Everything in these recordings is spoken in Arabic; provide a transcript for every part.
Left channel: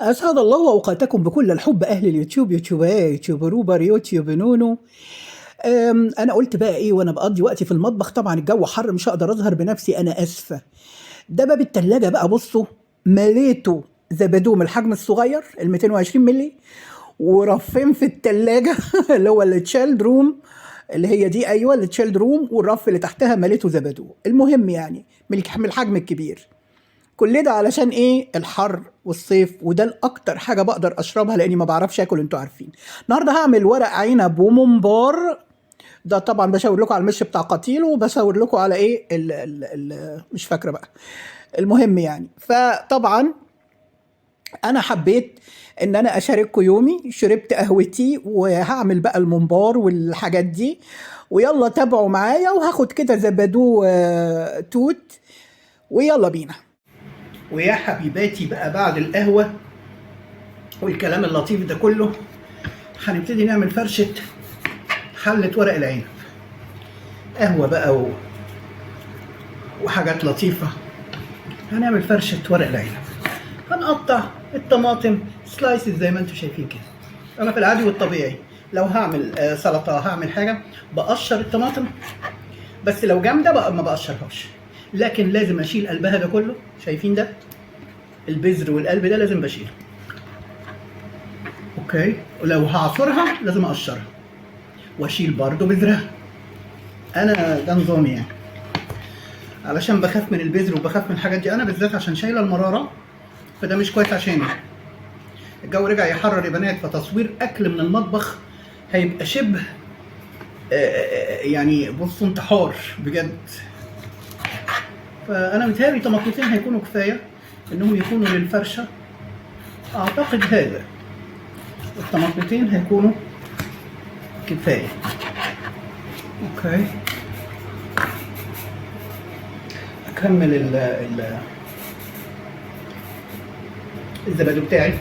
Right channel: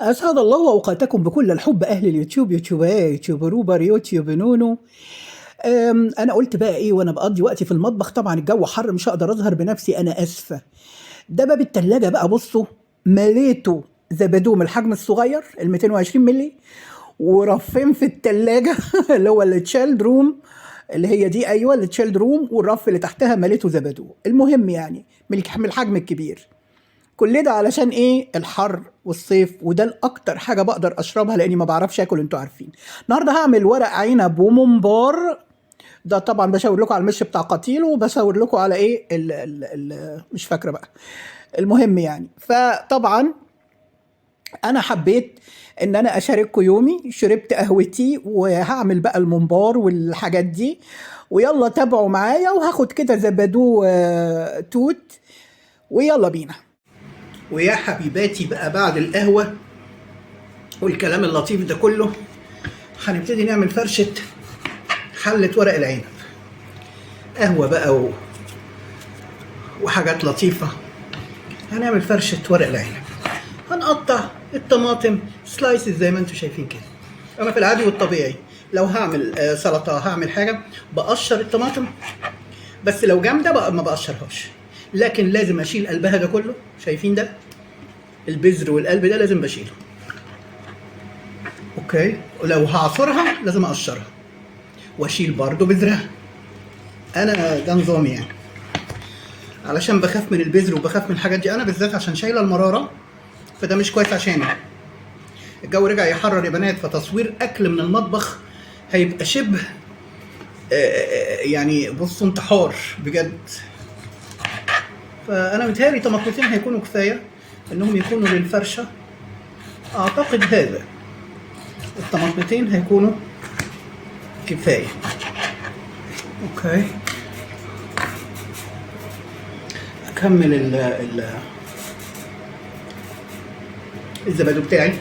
أسعد الله أوقاتكم بكل الحب أهل اليوتيوب، يوتيوب روبر، يوتيوب نونو. أنا قلت بقى إيه وأنا بقضي وقتي في المطبخ، طبعا الجو حر مش هقدر أظهر بنفسي، أنا آسفة. ده باب التلاجة بقى، بصوا مليته زبادو من الحجم الصغير ال 220 مللي، ورفين في التلاجة اللي هو التشيلد روم، اللي هي دي، أيوه التشيلد روم، والرف اللي تحتها مليته زبادو. المهم يعني من الحجم الكبير. كل ده علشان ايه؟ الحر والصيف، وده الاكتر حاجه بقدر اشربها لاني ما بعرفش اكل، انتوا عارفين. النهارده هعمل ورق عنب وممبار. ده طبعا بشاور لكم على المش بتاع قتيل، وبشاور لكم على ايه ال مش فاكره بقى. المهم يعني، فطبعا انا حبيت ان انا اشارككم يومي. شربت قهوتي وهعمل بقى الممبار والحاجات دي، ويلا تابعوا معايا، وهاخد كده زبادو توت، ويلا بينا. ويا حبيباتي بقى، بعد القهوة والكلام اللطيف ده كله، هنبتدي نعمل فرشة حلة ورق العنب. قهوة بقى وحاجات لطيفة. هنعمل فرشة ورق العنب. هنقطع الطماطم سلايسز زي ما انتم شايفين كده. انا في العادي والطبيعي لو هعمل سلطة، هعمل حاجة، بقشر الطماطم، بس لو جامدة بقى ما بقشرهاش، لكن لازم اشيل قلبها ده كله. شايفين ده؟ البذر والقلب ده لازم بشيله. اوكي، ولو هعصرها لازم اقشرها واشيل برضو بذرها. انا ده نظامي يعني، علشان بخاف من البذر وبخاف من الحاجات دي، انا بالذات عشان شايله المراره، فده مش كويس عشاني. الجو رجع يحرر يا بنات، فتصوير اكل من المطبخ هيبقى شبه يعني بصوا انتحار بجد. فانا متهيألي طماطمتين هيكونوا كفايه انهم يكونوا للفرشه. اعتقد هذا الطماطمتين هيكونوا كفايه. اوكي، اكمل الزبادو بتاعي.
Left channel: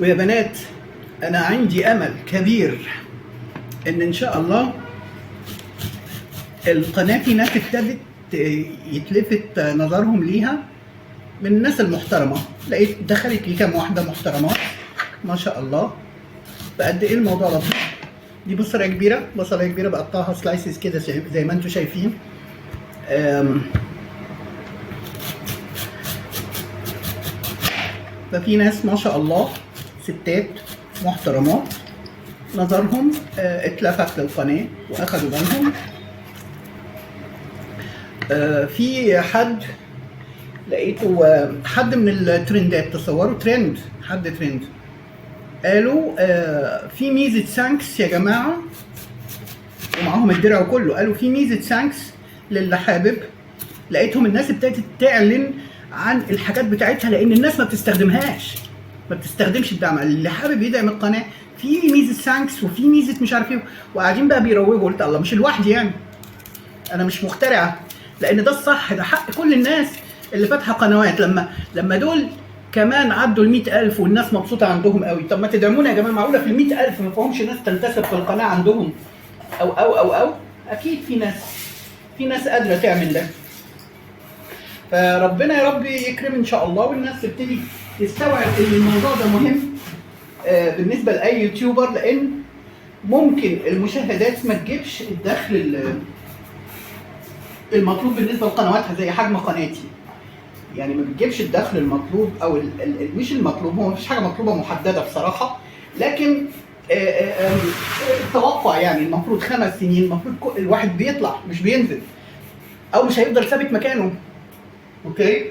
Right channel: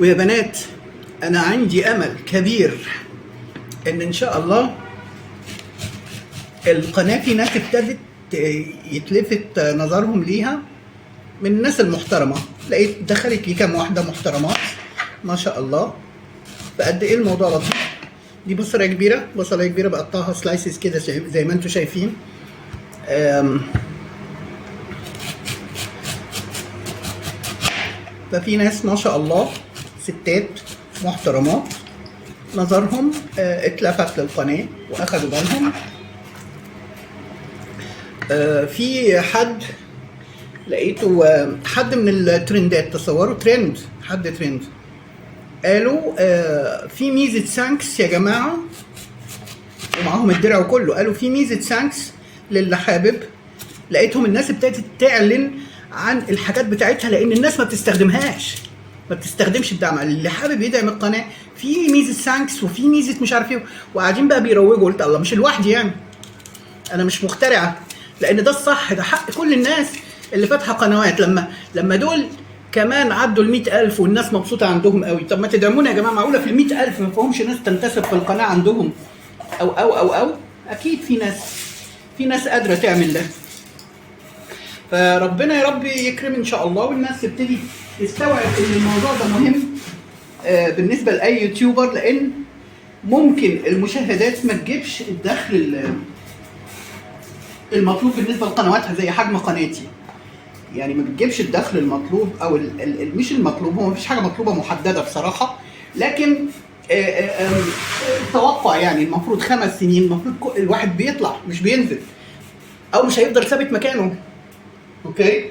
ويا بنات، انا عندي امل كبير ان شاء الله القناه في ناس ابتدت يتلفت نظرهم ليها من الناس المحترمه. لقيت دخلت لي كام واحده محترمات ما شاء الله. فقد ايه الموضوع لطيف. دي بصلايه كبيره بقطعها سلايسز كده زي ما انتم شايفين. ففي ناس ما شاء الله ستات محترمات نظرهم اتلفت للقناه واخدوا بالهم. في حد لقيته، حد من الترندات، تصوروا ترند، حد ترند قالوا في ميزة سانكس يا جماعة، ومعاهم الدرع وكله. قالوا في ميزة سانكس للي حابب. لقيتهم الناس ابتدت تعلن عن الحاجات بتاعتها، لان الناس ما بتستخدمهاش، ما بتستخدمش الدعم. اللي حابب يدعم القناة في ميزة سانكس وفي ميزة مش عارف ايه، وقاعدين بقى بيروجوا. قلت الله، مش لوحدي يعني، انا مش مخترعة، لان ده الصح، ده حق كل الناس اللي فاتحة قنوات. لما دول كمان عدوا ال 100,000 والناس مبسوطة عندهم قوي، طب ما تدعمونا يا جماعة. معقولة في ال 100,000 ما فيهمش ناس تنتسب في القناة عندهم؟ أو أكيد في ناس قادرة تعمل ده. فربنا يا رب يكرم إن شاء الله، والناس تبتدي تستوعب إن الموضوع ده مهم بالنسبة لأي يوتيوبر، لأن ممكن المشاهدات ما تجيبش الدخل المطلوب بالنسبة لقنواتها زي حجم قناتي. يعني ما بتجيبش الدخل المطلوب، او مش المطلوب، هو مفيش حاجه مطلوبه محدده بصراحه، لكن توقع يعني المفروض 5 سنين المفروض الواحد بيطلع مش بينزل، او مش هيفضل ثابت مكانه. اوكي.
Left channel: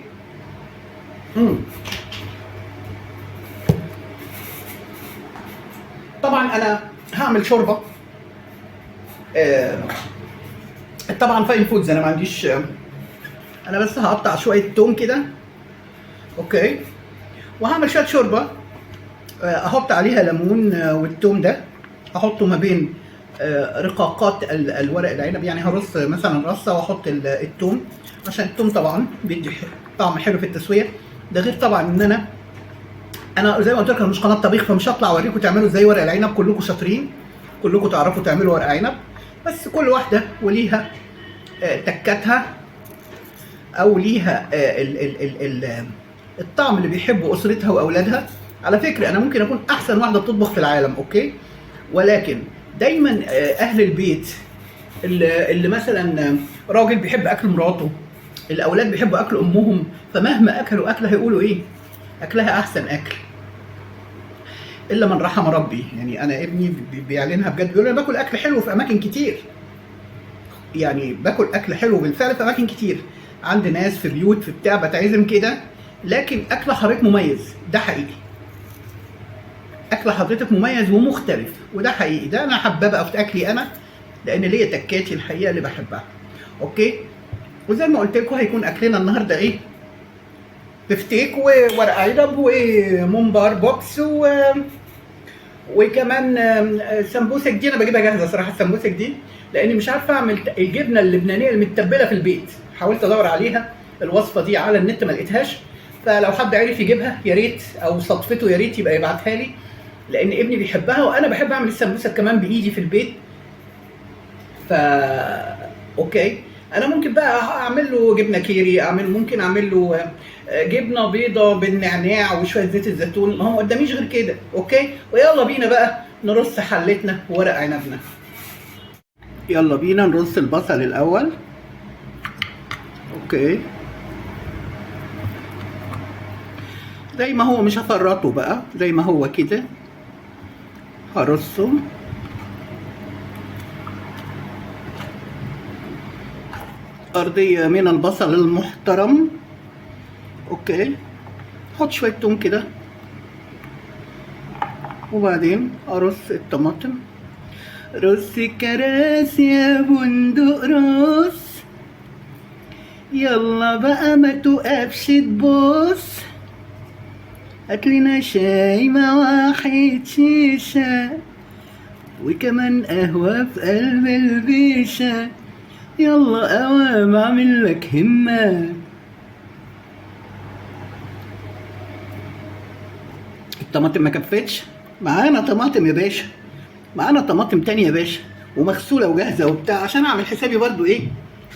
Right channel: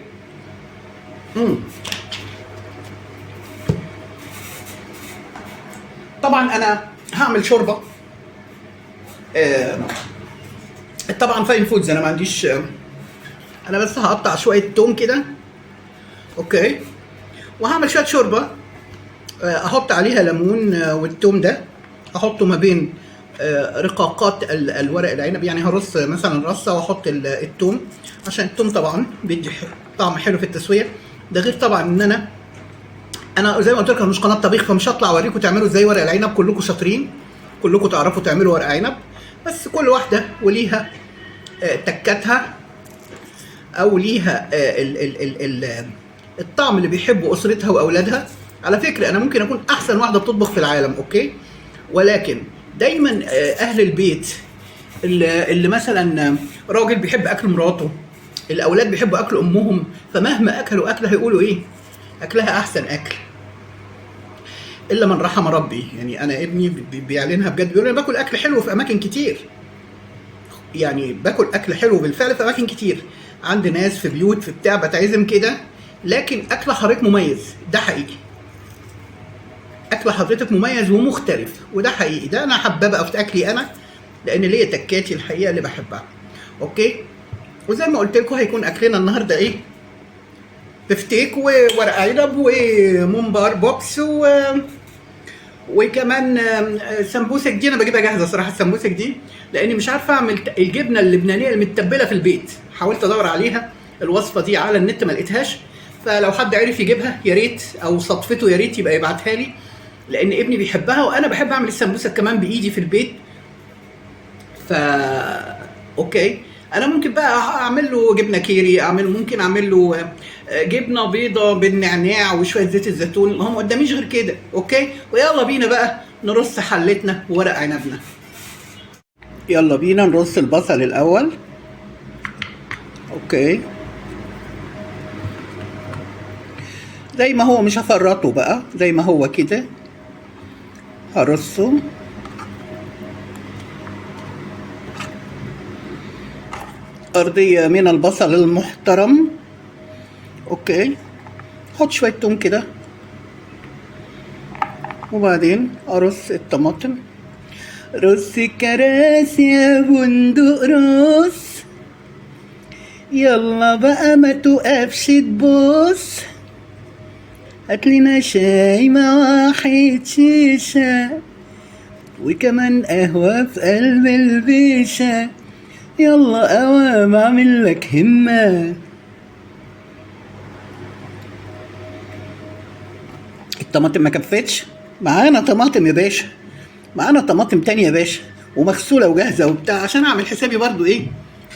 طبعا انا هعمل شوربه. طبعا فاين فودز، انا ما عنديش، انا بس هقطع شويه توم كده. اوكي، وهعمل شويه شوربه. احط عليها ليمون، والثوم ده احطه ما بين رقاقات الورق العنب. يعني هرص مثلا رصه واحط الثوم، عشان الثوم طبعا بيدي طعم حلو في التسويه. ده غير طبعا ان انا زي ما قلت لكم مش قناه طبيخ، فمش هطلع اوريكم تعملوا ازاي ورق العنب، كلكم شاطرين. كلكم تعرفوا تعملوا ورق عنب، بس كل واحده وليها تكاتها، او ليها الطعم اللي بيحبه اسرتها واولادها. على فكره انا ممكن اكون احسن واحده بتطبخ في العالم، اوكي، ولكن دايما اهل البيت اللي مثلا راجل بيحب اكل مراته، الاولاد بيحبوا اكل امهم، فمهما اكلوا اكله هيقولوا ايه؟ اكلها احسن اكل. الا من رحم ربي، يعني انا ابني بيعلنها بجد، بيقول انا باكل اكل حلو في اماكن كتير، يعني باكل اكل حلو بالفعل في اماكن كتير، عند ناس في بيوت في بتاع بتعزم كده، لكن اكل حضرتك مميز، ده حقيقي. اكل حضرتك مميز ومختلف، وده حقيقي، ده انا حابه بقى في اكلي انا، لان ليا تكاتي الحقيقه اللي بحبها. اوكي، وزي ما قلت لكم هيكون اكلنا النهارده ايه؟ بفتيك وورق عنب وممبار بوكس وكمان سمبوسك دي انا بجيبها جاهزه صراحه، السمبوسك دي لاني مش عارفه اعمل الجبنه اللبنانيه المتبله في البيت، حاولت ادور عليها الوصفه دي على النت ما لقيتهاش، فلو حد عرف يجيبها يا ريت، او صدفته يا ريت يبقى يبعتها لي، لان ابني بيحبها وانا بحب اعمل السمبوسك كمان بايدي في البيت. ف اوكي، انا ممكن بقى اعمل له جبنه كيري، ممكن اعمل له جبنه بيضه بالنعناع وشويه زيت الزيتون، ما هو قداميش غير كده. اوكي، ويلا بينا بقى نرص حلتنا وورق عنبنا. يلا بينا نرص البصل الاول. اوكي، زي ما هو، مش هفرطه بقى، زي ما هو كده هرصه. أرضية من البصل المحترم. اوكي، حط شوية توم كده، وبعدين ارص الطماطم. رص الكراسي يا بندق رص، يلا بقى ما توقفش تبص، هاتلنا شاي مع واحد شيشة، وكمان قهوة في قلب البيشة، يلا قوام اعمل لك همة. الطماطم ما كفتش، معانا طماطم يا باشا، معانا طماطم تانية يا باشا، ومغسولة وجاهزة وبتاع، عشان اعمل حسابي برضو ايه.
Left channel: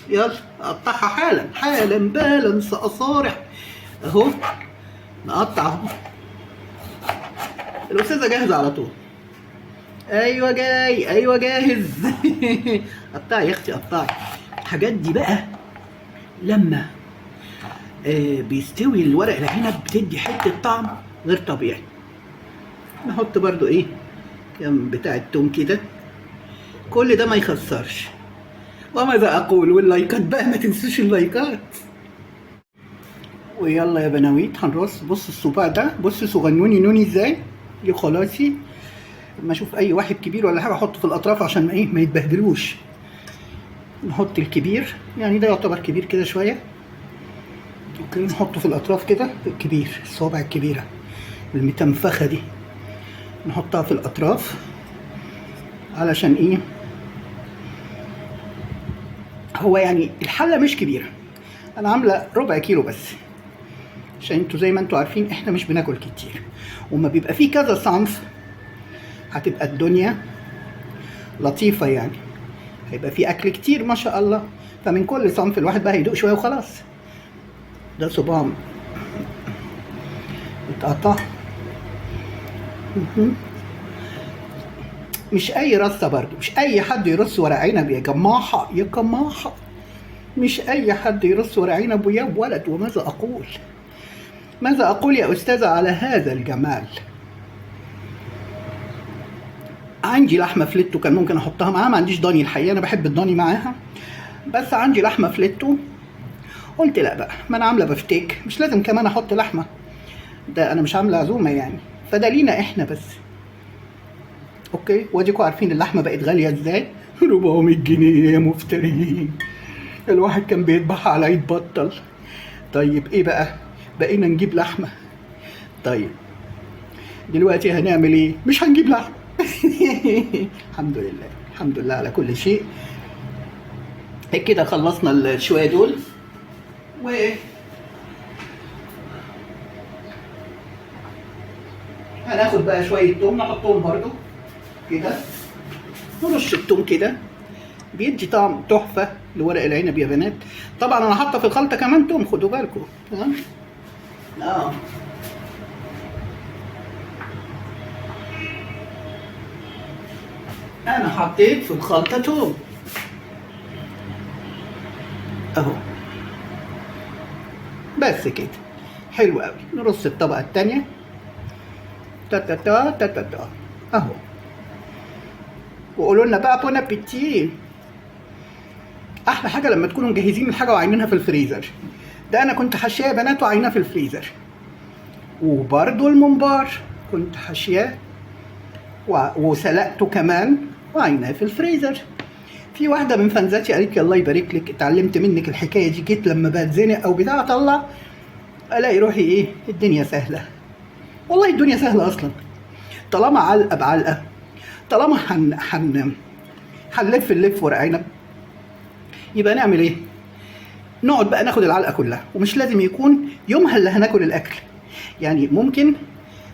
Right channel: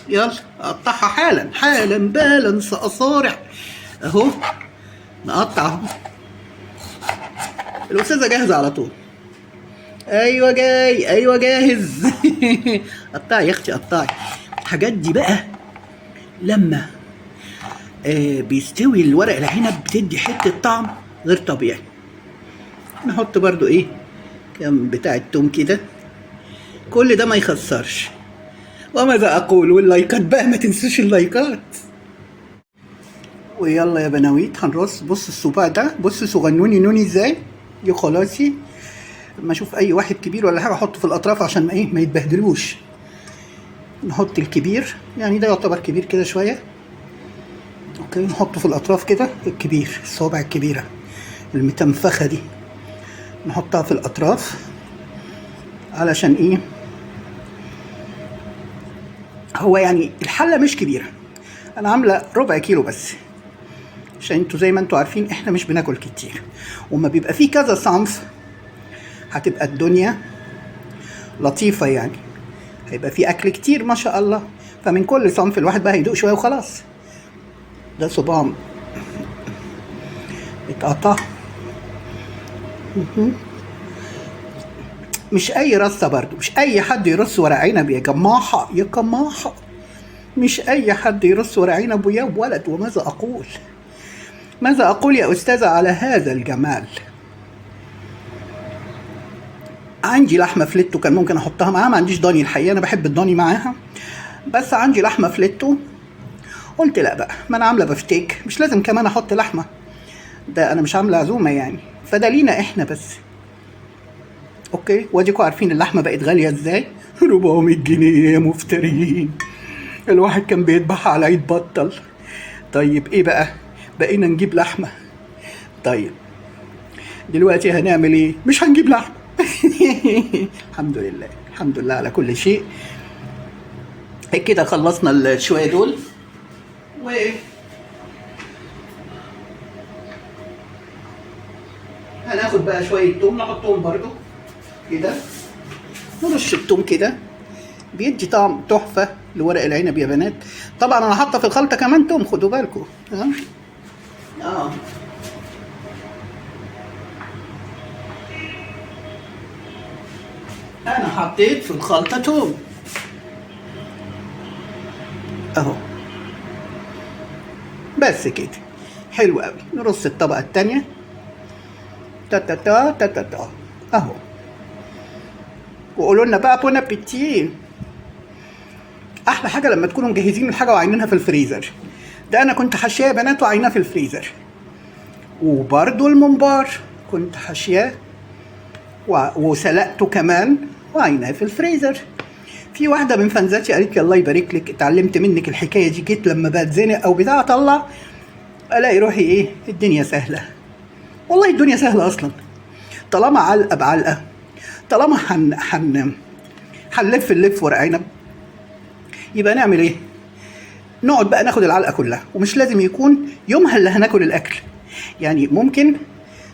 يلا اقطعها حالا حالا بالا سأصارع اهو، نقطع اهو. الاستاذة جاهزة على طول. ايوه جاي، ايوه جاهز. قطعي يا اختي قطعي. الحاجات دي بقى لما بيستوي الورق العنب بتدي حتة طعم غير طبيعي. نحط برضو ايه كام بتاع التوم كده، كل ده ما يخسرش. وماذا اقول، واللايكات بقى ما تنسوش اللايكات. ويلا يا بناويت هنرص. بص الصباع ده، بص صغنوني نوني ازاي، دي خلاصي. لما اشوف اي واحد كبير ولا حاجه احطه في الاطراف عشان ايه ما يتبهدلوش. نحط الكبير، يعني ده يعتبر كبير كده شويه. اوكي، نحطه في الاطراف كده، الكبير الصوابع الكبيره المتنفخه دي نحطها في الاطراف. علشان ايه؟ هو يعني الحله مش كبيره، انا عامله ربع كيلو بس، عشان انتوا زي ما انتوا عارفين احنا مش بناكل كتير، وما بيبقى فيه كذا صنف هتبقى الدنيا لطيفه، يعني هيبقى فيه اكل كتير ما شاء الله، فمن كل صنف الواحد بقى هيدوق شويه وخلاص. ده صباع اتقطع. مش اي رصه برضو، مش اي حد يرص ورق عنب يا جماحه يا جماحه، مش اي حد يرص ورق عنب يا ولد. وماذا اقول، ماذا اقول يا استاذه على هذا الجمال. عندي لحمه فليتو كان ممكن احطها معاها، ما عنديش ضاني الحقيقه، انا بحب الضاني معاها، بس عندي لحمه فليتو. قلت لا بقى، ما انا عامله بفتيك، مش لازم كمان احط لحمه، ده انا مش عامله عزومه يعني، فده لينا احنا بس. اوكي، واديكوا عارفين اللحمه بقت غاليه ازاي. 400 جنيه يا مفترين، الواحد كان بيذبح على عيد بطل. طيب ايه بقى، بقينا نجيب لحمه. طيب دلوقتي هنعمل ايه؟ مش هنجيب لحمه. الحمد لله، الحمد لله على كل شيء. كده خلصنا الشويه دول، و هناخد بقى شويه توم نحطهم برضو كده ونص التوم كده بيدي طعم تحفه لورق العنب يا بنات. طبعا انا حاطه في الخلطه كمان توم، خدوا بالكم. انا حطيت في الخلطه توم اهو، بس كده حلو قوي. نرص الطبقه التانيه تا تا تا تا تا تا اهو، وقولوا لنا بقى بون ابيتي. احلى حاجه لما تكونوا مجهزين الحاجه وعينينها في الفريزر. ده انا كنت حاشياه يا بنات وعيناه في الفريزر. وبرده الممبار كنت حاشياه وسلقته كمان وعيناه في الفريزر. في واحده من فانزاتي قالت لي الله يبارك لك اتعلمت منك الحكايه دي، جيت لما بتزنق او بتاع اطلع الاقي روحي ايه الدنيا سهله. والله الدنيا سهله اصلا، طالما علقه بعلقه، طالما هنلف اللف ورق عنب، يبقى نعمل ايه؟ نقعد بقى ناخد العلقه كلها، ومش لازم يكون يومها اللي هناكل الاكل. يعني ممكن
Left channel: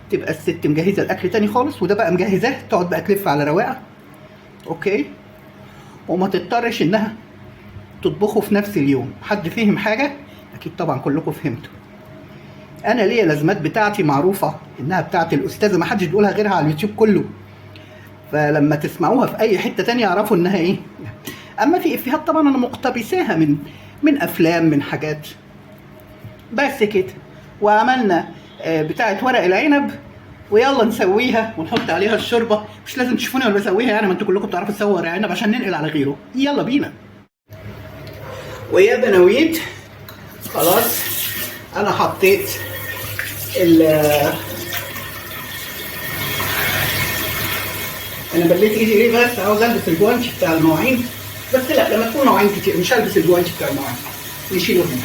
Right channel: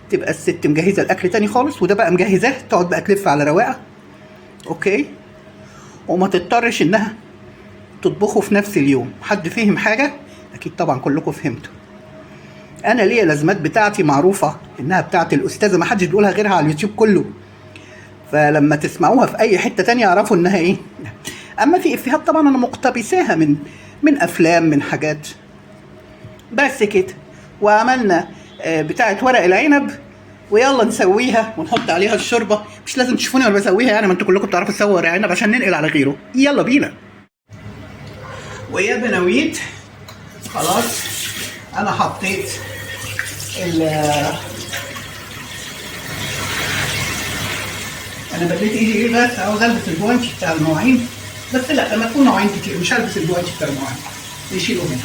تبقى الست مجهزه الاكل تاني خالص وده بقى مجهزاه، تقعد بقى تلف على رواقه، اوكي، وما تضطرش انها تطبخه في نفس اليوم. حد فهم حاجه؟ اكيد طبعا كلكم فهمتوا. انا ليا لازمات بتاعتي معروفه انها بتاعت الاستاذه، ما حدش بيقولها غيرها على اليوتيوب كله، فلما تسمعوها في اي حته تانية اعرفوا انها ايه. اما في افيهات طبعا انا مقتبساها من افلام، من حاجات، بس كده. وعملنا بتاعه ورق العنب، ويلا نسويها ونحط عليها الشوربه. مش لازم تشوفوني وانا بسويها يعني، ما انتوا كلكم بتعرفوا تسووا ورق عنب عشان ننقل على غيره. يلا بينا. ويا بنويت خلاص انا حطيت انا بليت ايدي ليه بس؟ عاوز البس الجوانتي بتاع المواعين، بس لا لما تكون مواعين كتير مش هلبس الجوانتي بتاع المواعين، نشيله هنا.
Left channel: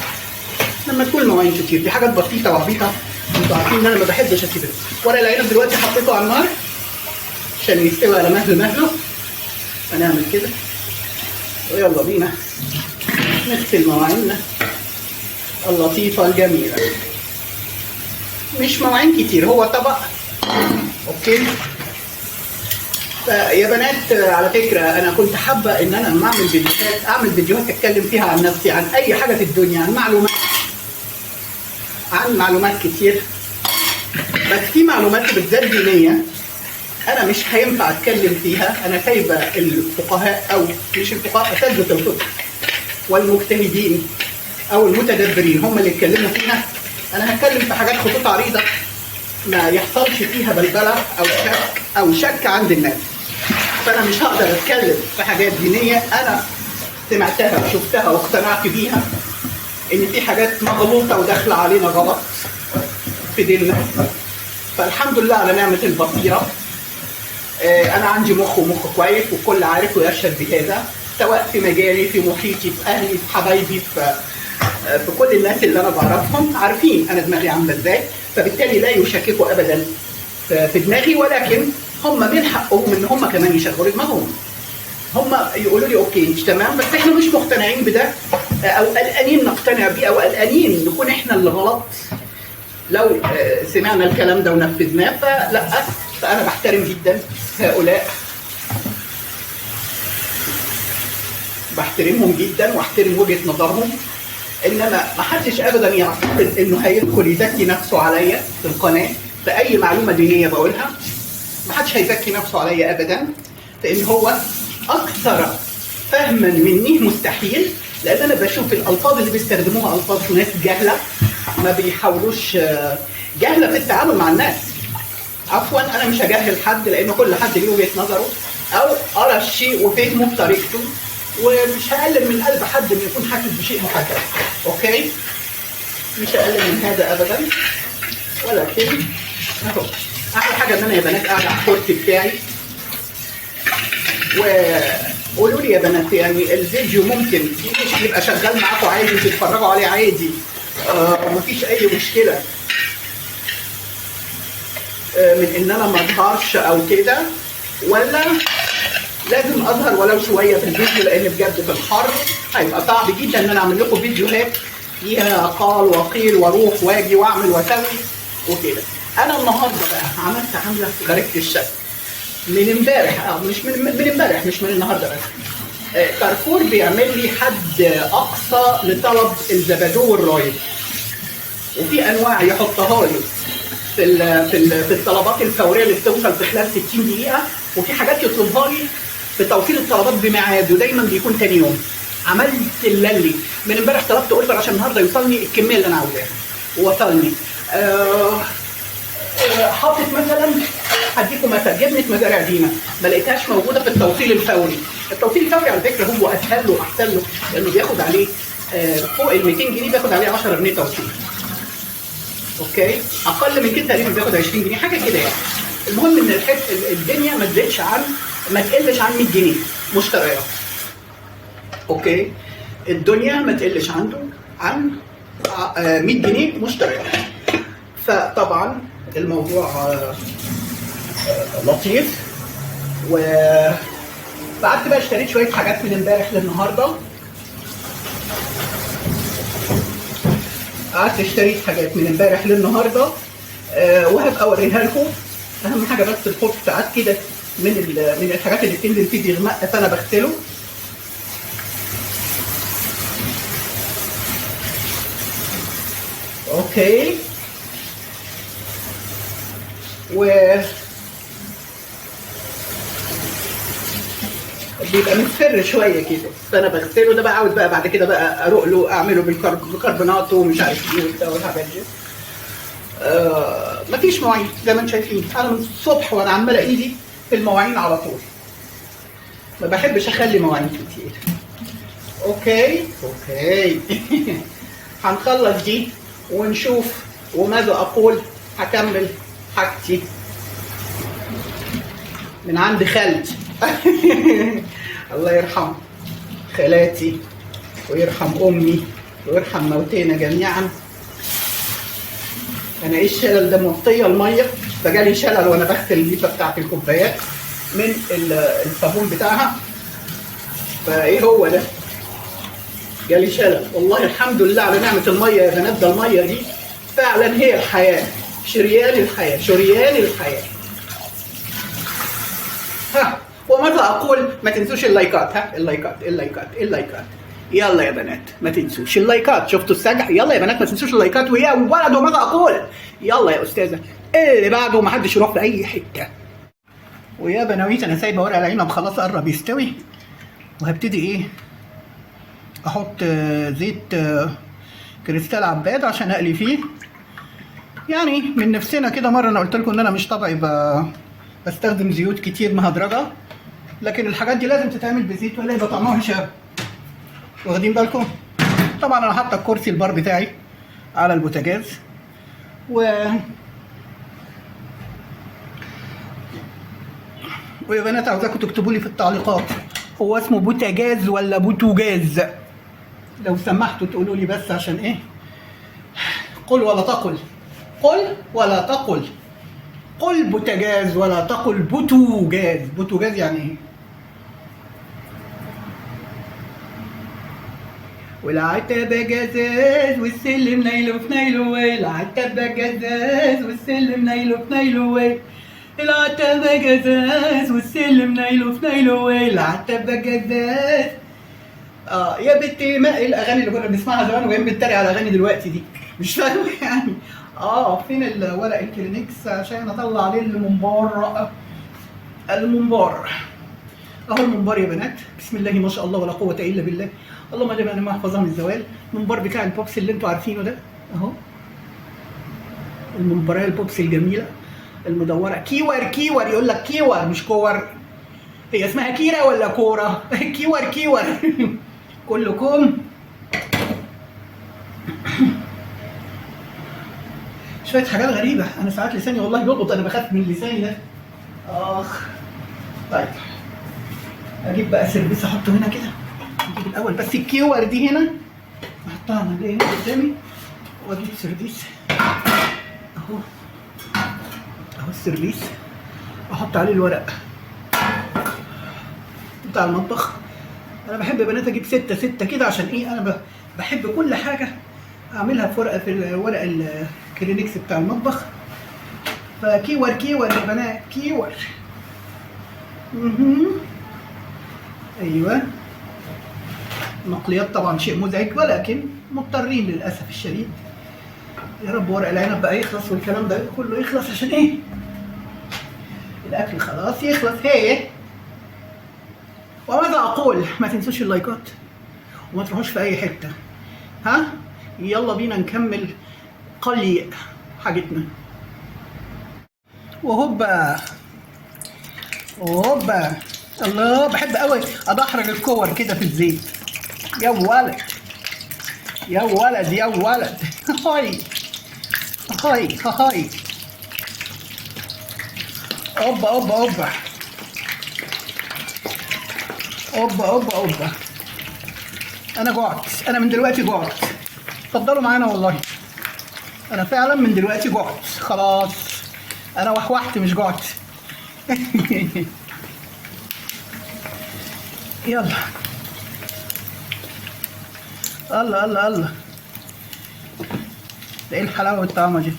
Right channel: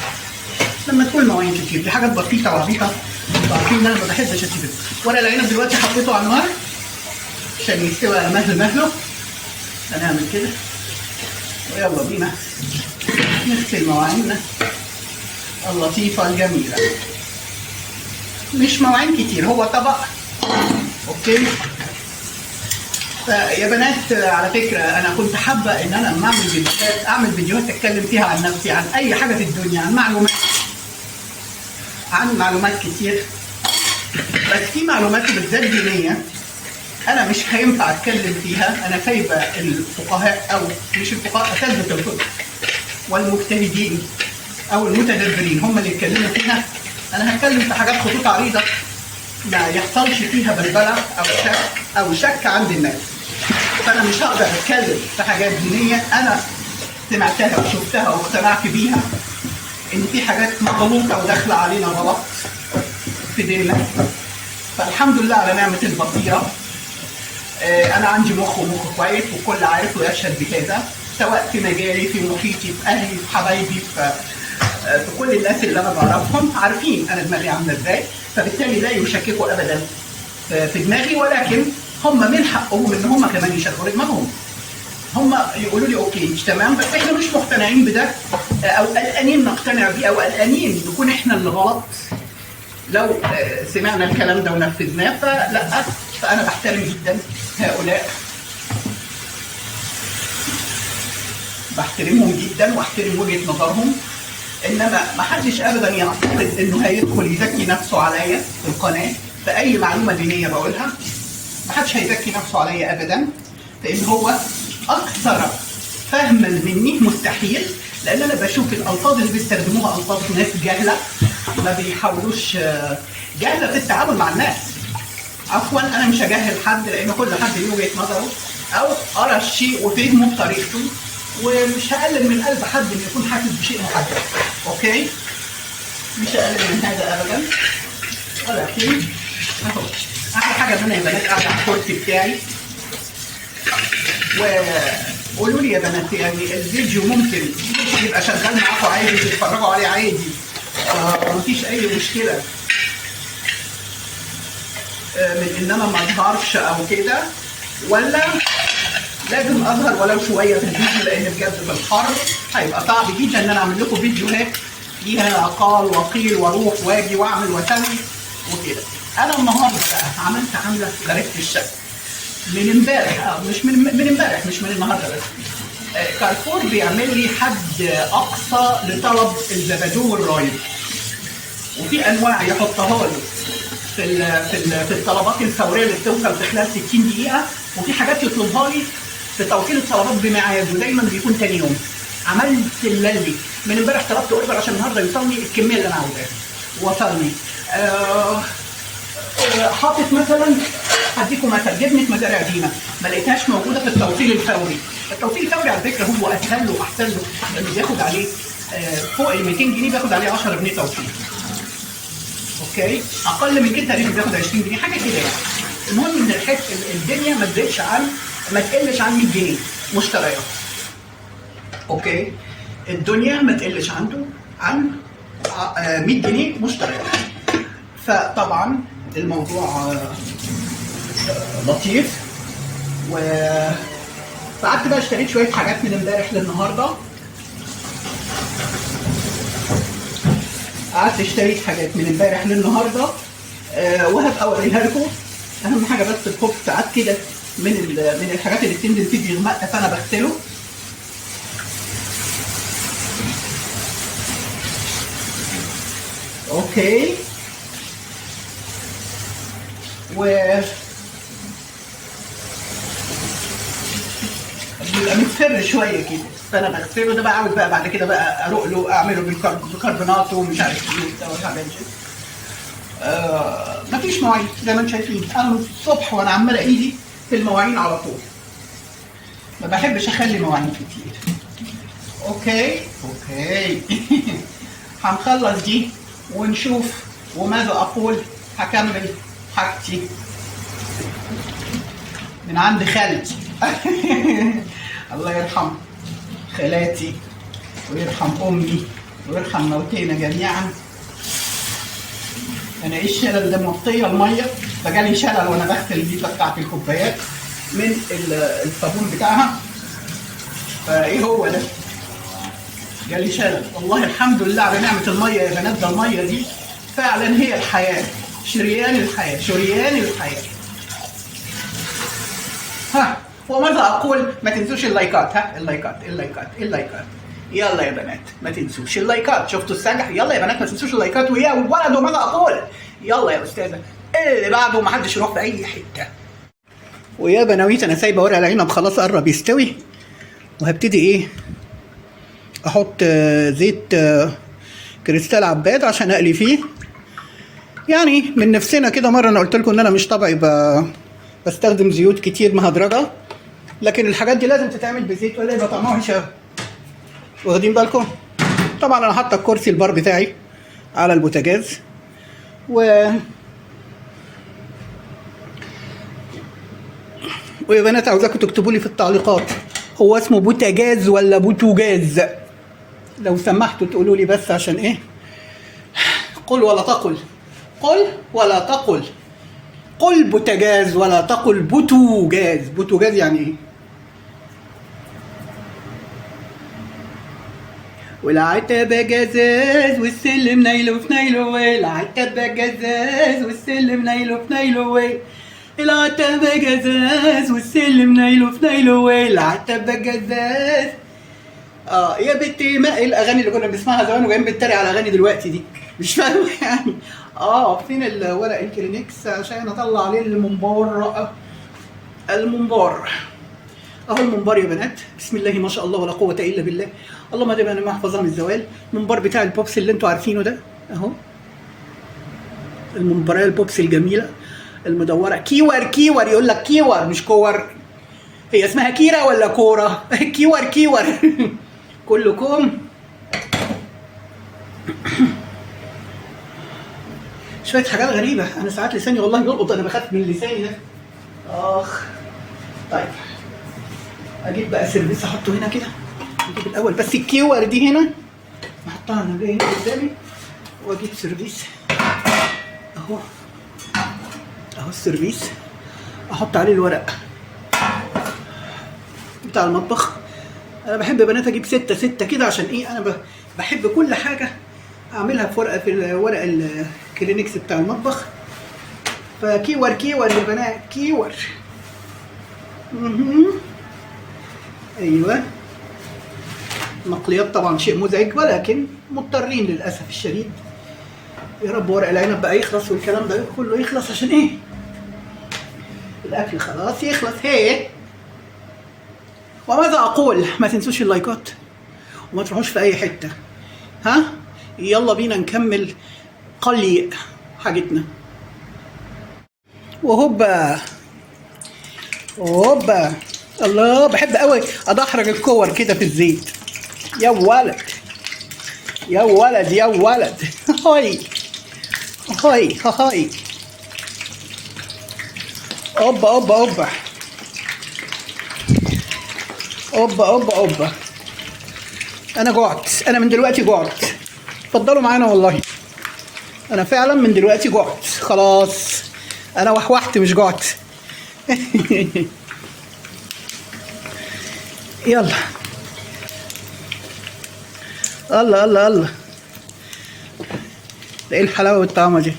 لما تكون مواعين كتير دي حاجات بسيطه عبيطه، انتوا عارفين ان انا ما بحبش اسيب ورق العنب. دلوقتي حطيته على النار عشان يستوي على مهله. هنعمل كده ويلا بينا نغسل مواعيننا اللطيفه الجميله. مش مواعين كتير، هو طبق، اوكي. يا بنات على فكره انا كنت حابه ان انا لما اعمل فيديوهات اتكلم فيها عن نفسي، عن اي حاجه في الدنيا، عن معلومات كتير، بس في معلومات بالذات دينيه انا مش هينفع اتكلم فيها. انا سايبه الفقهاء، او مش الفقهاء، اساتذه الفقه والمجتهدين او المتدبرين هم اللي يتكلموا فيها. انا هتكلم في حاجات خطوط عريضه ما يحصلش فيها بلبله او شك عند الناس. فانا مش هقدر اتكلم في حاجات دينيه انا سمعتها وشفتها واقتنعت بيها ان في حاجات مغلوطه وداخله علينا غلط في ديننا. فالحمد لله على نعمه البصيره. انا عندي مخ كويس، والكل عارف ويشهد بهذا، سواء في مجالي، في محيطي، في اهلي، في حبايبي، في كل الناس اللي انا بعرفهم عارفين انا دماغي عامله ازاي، فبالتالي لا يشككوا ابدا في دماغي. ولكن هم من حقهم ان هم كمان يشغلوا دماغهم، هم يقولوا لي اوكي مش تمام، بس احنا مش مقتنعين بده، او قلقانين نقتنع بيه، او قلقانين نكون احنا اللي غلط لو سمعنا الكلام ده ونفذناه. فلا، فانا بحترم جدا هؤلاء، بحترمهم جدا واحترم وجهه نظرهم. انما ما حدش ابدا يعتقد انه هيدخل يزكي نفسه عليا في القناه باي معلومه دينيه بقولها. ما حدش هيزكي نفسه عليا ابدا، لان هو اكثر فهما مني مستحيل، لان انا بشوف الالفاظ اللي بيستخدموها الفاظ ناس جهله، ما بيحاولوش، جهله في التعامل مع الناس. عفوا انا مش هجهل حد، لان كل حد له وجهه نظره او ارى الشيء وفهمه بطريقته، ومش هقلل من قلب حد ان يكون حاسس بشيء محدد، اوكي؟ مش هقلل من هذا ابدا. ولكن اهو احلى حاجه ان انا يا بنات قاعده على الكرسي بتاعي. وقولوا لي يا بنات، يعني الفيديو ممكن يبقى شغال معاكم عادي وتتفرجوا عليه عادي، ومفيش اي مشكله من ان انا ما اظهرش او كده، ولا لازم اظهر ولو شويه في الفيديو؟ لان بجد في الحر هيبقى صعب جدا ان انا اعمل لكم فيديوهات فيها قال وقيل واروح واجي واعمل واسوي وكده. انا النهارده بقى عملت عامله غريبه الشكل. من امبارح، مش من امبارح، مش من النهارده بس. كارفور بيعمل لي حد اقصى لطلب الزبادو والرايب، وفي انواع يحطها لي في الطلبات الفوريه اللي بتوصل في خلال 60 دقيقه، وفي حاجات يطلبها لي في توصيل الطلبات بميعاد ودايما بيكون تاني يوم. عملت اللي من امبارح طلبت اوردر عشان النهارده يوصلني الكميه اللي انا عاوزاها ووصلني. حاطط مثلا، هديكم مثلا جبنه مزارع دينا ما لقيتهاش موجوده في التوصيل الفوري. التوصيل الفوري على فكره هو اسهل له واحسن له، لانه بياخد عليه فوق ال 200 جنيه، بياخد عليه 10 جنيه توصيل. اوكي، اقل من كده تقريبا بياخد 20 جنيه حاجه كده يعني. المهم ان الدنيا ما تقلش عن 100 جنيه مشتريات. اوكي، الدنيا ما تقلش عن 100 جنيه مشتريات. فطبعا الموضوع لطيف. وقعدت بقى اشتريت شويه حاجات من امبارح للنهارده. وهبقى اوريها لكم. اهم حاجه بس الخبز ساعات كده من الحاجات اللي بتنزل فيه بيغمق، فانا بغسله. اوكي، بيبقى مصفر شويه كده، فانا بغسله. ده بقى عاوز بقى بعد كده بقى اروق له، اعمله بيكربونات ومش عارف ايه وبتاع والحاجات دي. مفيش مواعين زي ما انتم شايفين. انا من الصبح وانا عماله ايدي في المواعين على طول، ما بحبش اخلي مواعين كتير. اوكي هنخلص دي ونشوف وماذا اقول. هكمل حاجتي من عند خالتي الله يرحم خالاتي ويرحم امي ويرحم موتينا جميعا. انا ايه الشلل ده؟ موطيه الميه فجالي شلل وانا بغسل الليفه بتاعت الكوبايات من الصابون بتاعها. فايه هو ده؟ جالي شلل. والله الحمد لله على نعمه الميه يا بنات. ده الميه دي فعلا هي الحياه، شريان الحياه، شريان الحياه. ها، وماذا اقول؟ ما تنسوش اللايكات. ها، اللايكات يلا يا بنات، ما تنسوش اللايكات. شفتوا السجع؟ يلا يا بنات ما تنسوش اللايكات. ويا ولد وماذا اقول؟ يلا يا استاذه اللي بعده ما حدش يروح في اي حته. ويا بناويت انا سايبه ورق العنب خلاص قرب يستوي، وهبتدي ايه احط زيت كريستال عباد عشان اقلي فيه. يعني من نفسنا كده. مره انا قلت لكم ان انا مش طبعي بستخدم زيوت كتير مهدرجه، لكن الحاجات دي لازم تتعمل بزيت ولا يبقى طعمها وحش. واخدين بالكم؟ طبعا انا حاطه الكرسي البار بتاعي على البوتاجاز، ويا بنات عاوزاكم تكتبوا لي في التعليقات هو اسمه بوتاجاز ولا بوتوجاز، لو سمحتوا تقولوا لي بس عشان ايه. قل ولا تقل، قل ولا تقل، قل بوتاجاز ولا تقل بوتوجاز. بوتوجاز يعني ايه؟ والعتبة جزاز والسلم نايله في نايله وي. العتبة جزاز والسلم نايله في نايله وي. العتبة جزاز والسلم نايله في نايله وي. العتبة جزاز. يا بنتي، ما الاغاني اللي كنا بنسمعها زمان وجايين بنتريق على الاغاني دلوقتي دي؟ مش فاهم يعني. فين ورق الكلينكس عشان اطلع عليه المنبار. اهو المنبار يا بنات. بسم الله ما شاء الله ولا قوه الا بالله. اللهم اجعلنا ما احفظها من الزوال. المنبار بتاع البوبس اللي انتوا عارفينه ده اهو. المنبريه البوبس الجميله المدوره. كيور يقول لك كيور مش كور. هي اسمها كيره ولا كوره؟ كيور كلكم. شويه حاجات غريبه. انا ساعات لساني والله بيلقط، انا بخاف من لساني ده. طيب اجيب بقى سيرفيس احطه هنا كده. اجيب الاول بس الكيور دي هنا احطها هنا قدامي، واجيب سيرفيس اهو السيرفيس احط عليه الورق بتاع المطبخ. انا بحب يا بنات اجيب 6 كده عشان ايه؟ انا بحب كل حاجه اعملها في ورق الكلينكس بتاع المطبخ. فكيور يا بنات، كيور. مهم. ايوه. المقليات طبعا شيء مزعج ولكن مضطرين للاسف الشديد. يا رب ورق العنب بقى يخلص والكلام ده كله يخلص عشان ايه؟ الاكل خلاص يخلص. هي وماذا اقول؟ ما تنسوش اللايكات وما تروحوش في اي حته. ها يلا بينا نكمل قلي حاجتنا. وهوبا هوبا. الله بحب قوي ادحرج الكور كده في الزيت. يا ولد يا ولد يا ولد. هاي هاي هاي. اوبا اوبا اوبا اوبا اوبا اوبا. انا جوعت، انا من دلوقتي جوعت. اتفضلوا معانا والله، انا فعلا من دلوقتي جوعت خلاص. انا وحوحت مش جوعت. يلا. الله الله الله. ده ايه الحلاوه والطعمه دي؟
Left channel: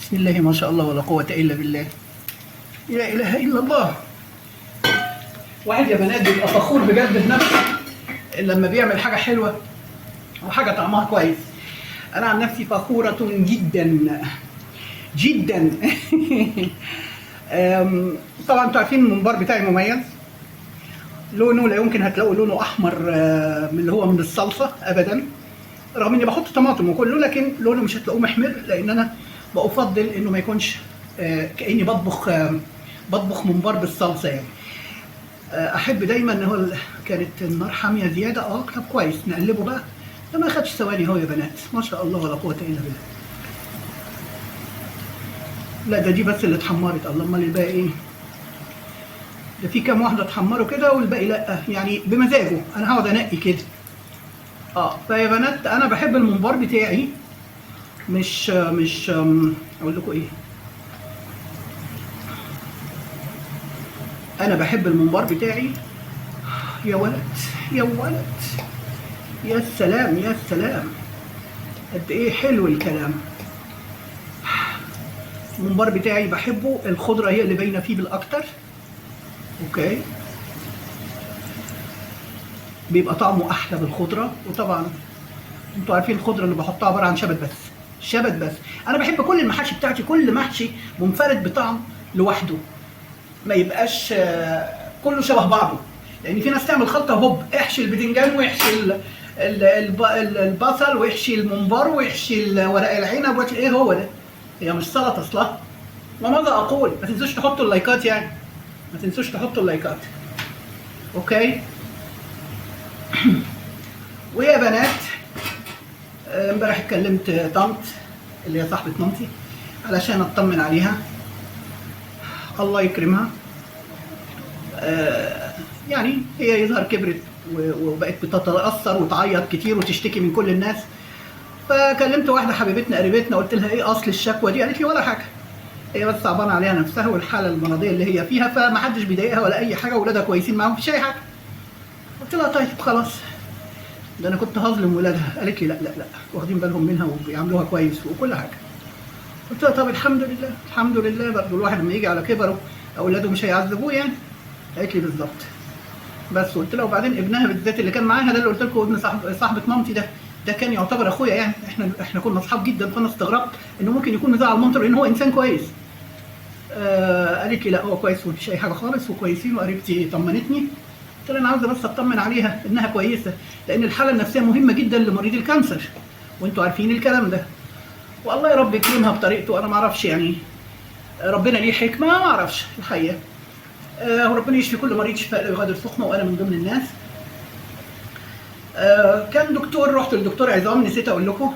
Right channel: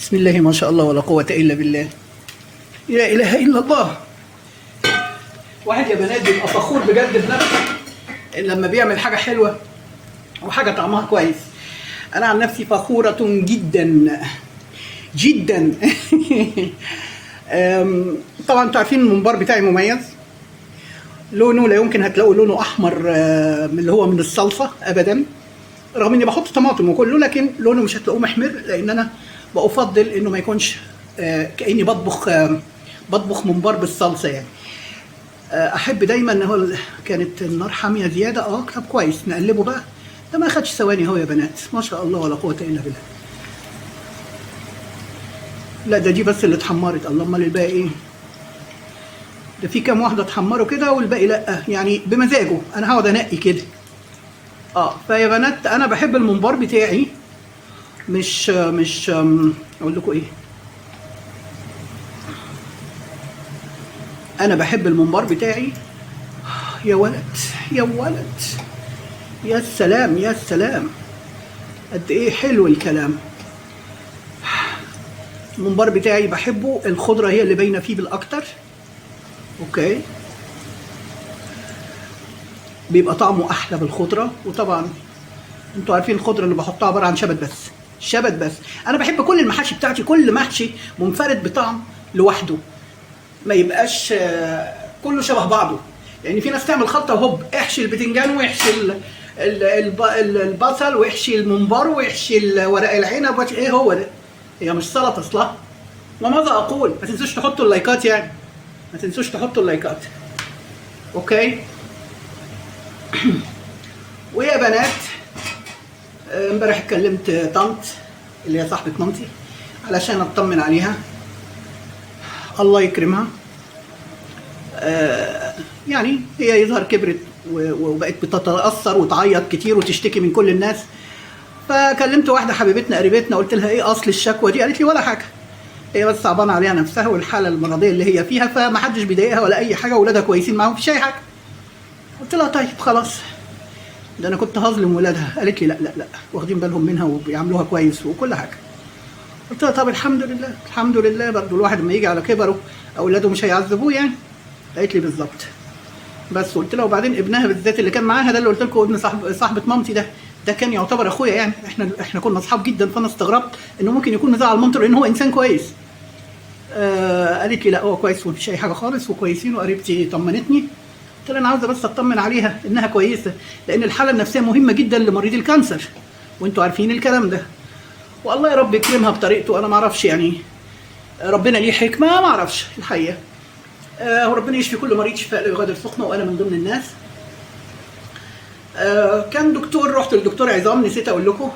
بسم الله ما شاء الله ولا قوه الا بالله. لا اله الا الله. واحد يا بنات بيبقى فخور بجد بنفسه لما بيعمل حاجه حلوه وحاجه طعمها كويس. انا عن نفسي فخوره جدا جدا. طبعا انتوا عارفين الممبار بتاعي مميز. لونه لا يمكن هتلاقوا لونه احمر من اللي هو من الصلصه ابدا، رغم اني بحط طماطم وكله، لكن لونه مش هتلاقوه محمر لان انا بفضل انه ما يكونش كاني بطبخ ممبار بالصلصه يعني. احب دايما ان هو كانت النار حاميه زياده. طب كويس نقلبه بقى. ده ما اخدش ثواني اهو يا بنات، ما شاء الله ولا قوه الا بالله. لا ده دي بس اللي اتحمرت. الله امال الباقي ايه؟ ده في كام واحده اتحمروا كده والباقي لا، يعني بمزاجه. انا هقعد انقي كده. فيا بنات انا بحب الممبار بتاعي. مش اقول لكم ايه، انا بحب الممبار بتاعي. يا ولد يا ولد يا سلام يا سلام، قد ايه حلو الكلام. الممبار بتاعي بحبه الخضره هي اللي باينه فيه بالاكتر. اوكي، بيبقى طعمه احلى بالخضره. وطبعا انتوا عارفين الخضره اللي بحطها عباره عن شبت بس، شبت بس. انا بحب كل المحاشي بتاعتي كل محشي منفرد بطعم لوحده، ما يبقاش كله شبه بعضه. لان في ناس تعمل خلطه وهوب احشي البتنجان ويحشي البصل ويحشي الممبار ويحشي ورق العنب ايه هو ده؟ هي مش سلطه اصلا. وماذا اقول؟ ما تنسوش تحطوا اللايكات يعني، ما تنسوش تحطوا اللايكات. اوكي. ويا بنات امبارح كلمت طنط اللي هي صاحبه مامتي علشان اطمن عليها. الله يكرمها. يعني هي يظهر كبرت وبقت بتتاثر وتعيط كتير وتشتكي من كل الناس. فكلمت واحده حبيبتنا قريبتنا قلت لها ايه اصل الشكوى دي؟ قالت لي ولا حاجه، هي بس صعبانه عليها نفسها والحاله المرضيه اللي هي فيها، فما حدش بيضايقها ولا اي حاجه، واولادها كويسين معاهم مفيش اي حاجه. قلت لها طيب خلاص، ده انا كنت هظلم ولادها. قالت لي لا لا لا، واخدين بالهم منها وبيعاملوها كويس وكل حاجه. قلت لها طب الحمد لله الحمد لله، برضه الواحد لما يجي على كبره اولاده مش هيعذبوه يعني. قالت لي بالظبط. بس قلت لها وبعدين ابنها بالذات اللي كان معاها ده اللي قلت لكم ابن صاحبه مامتي ده كان يعتبر اخويا يعني، احنا كنا اصحاب جدا. فانا استغربت انه ممكن يكون مزعل مامته لان هو انسان كويس. قالت لي لا هو كويس ومفيش اي حاجه خالص وكويسين. وقريبتي طمنتني. قلت لها انا عاوزه بس اطمن عليها انها كويسه، لان الحاله النفسيه مهمه جدا لمريض الكانسر وانتوا عارفين الكلام ده. والله يا رب يكرمها بطريقته. انا ما اعرفش يعني، ربنا ليه حكمه ما اعرفش الحقيقه. وربنا يشفي كل مريض شفاء لا يغادر سقما، وانا من ضمن الناس. كان دكتور، رحت للدكتور عظام، نسيت اقول لكم.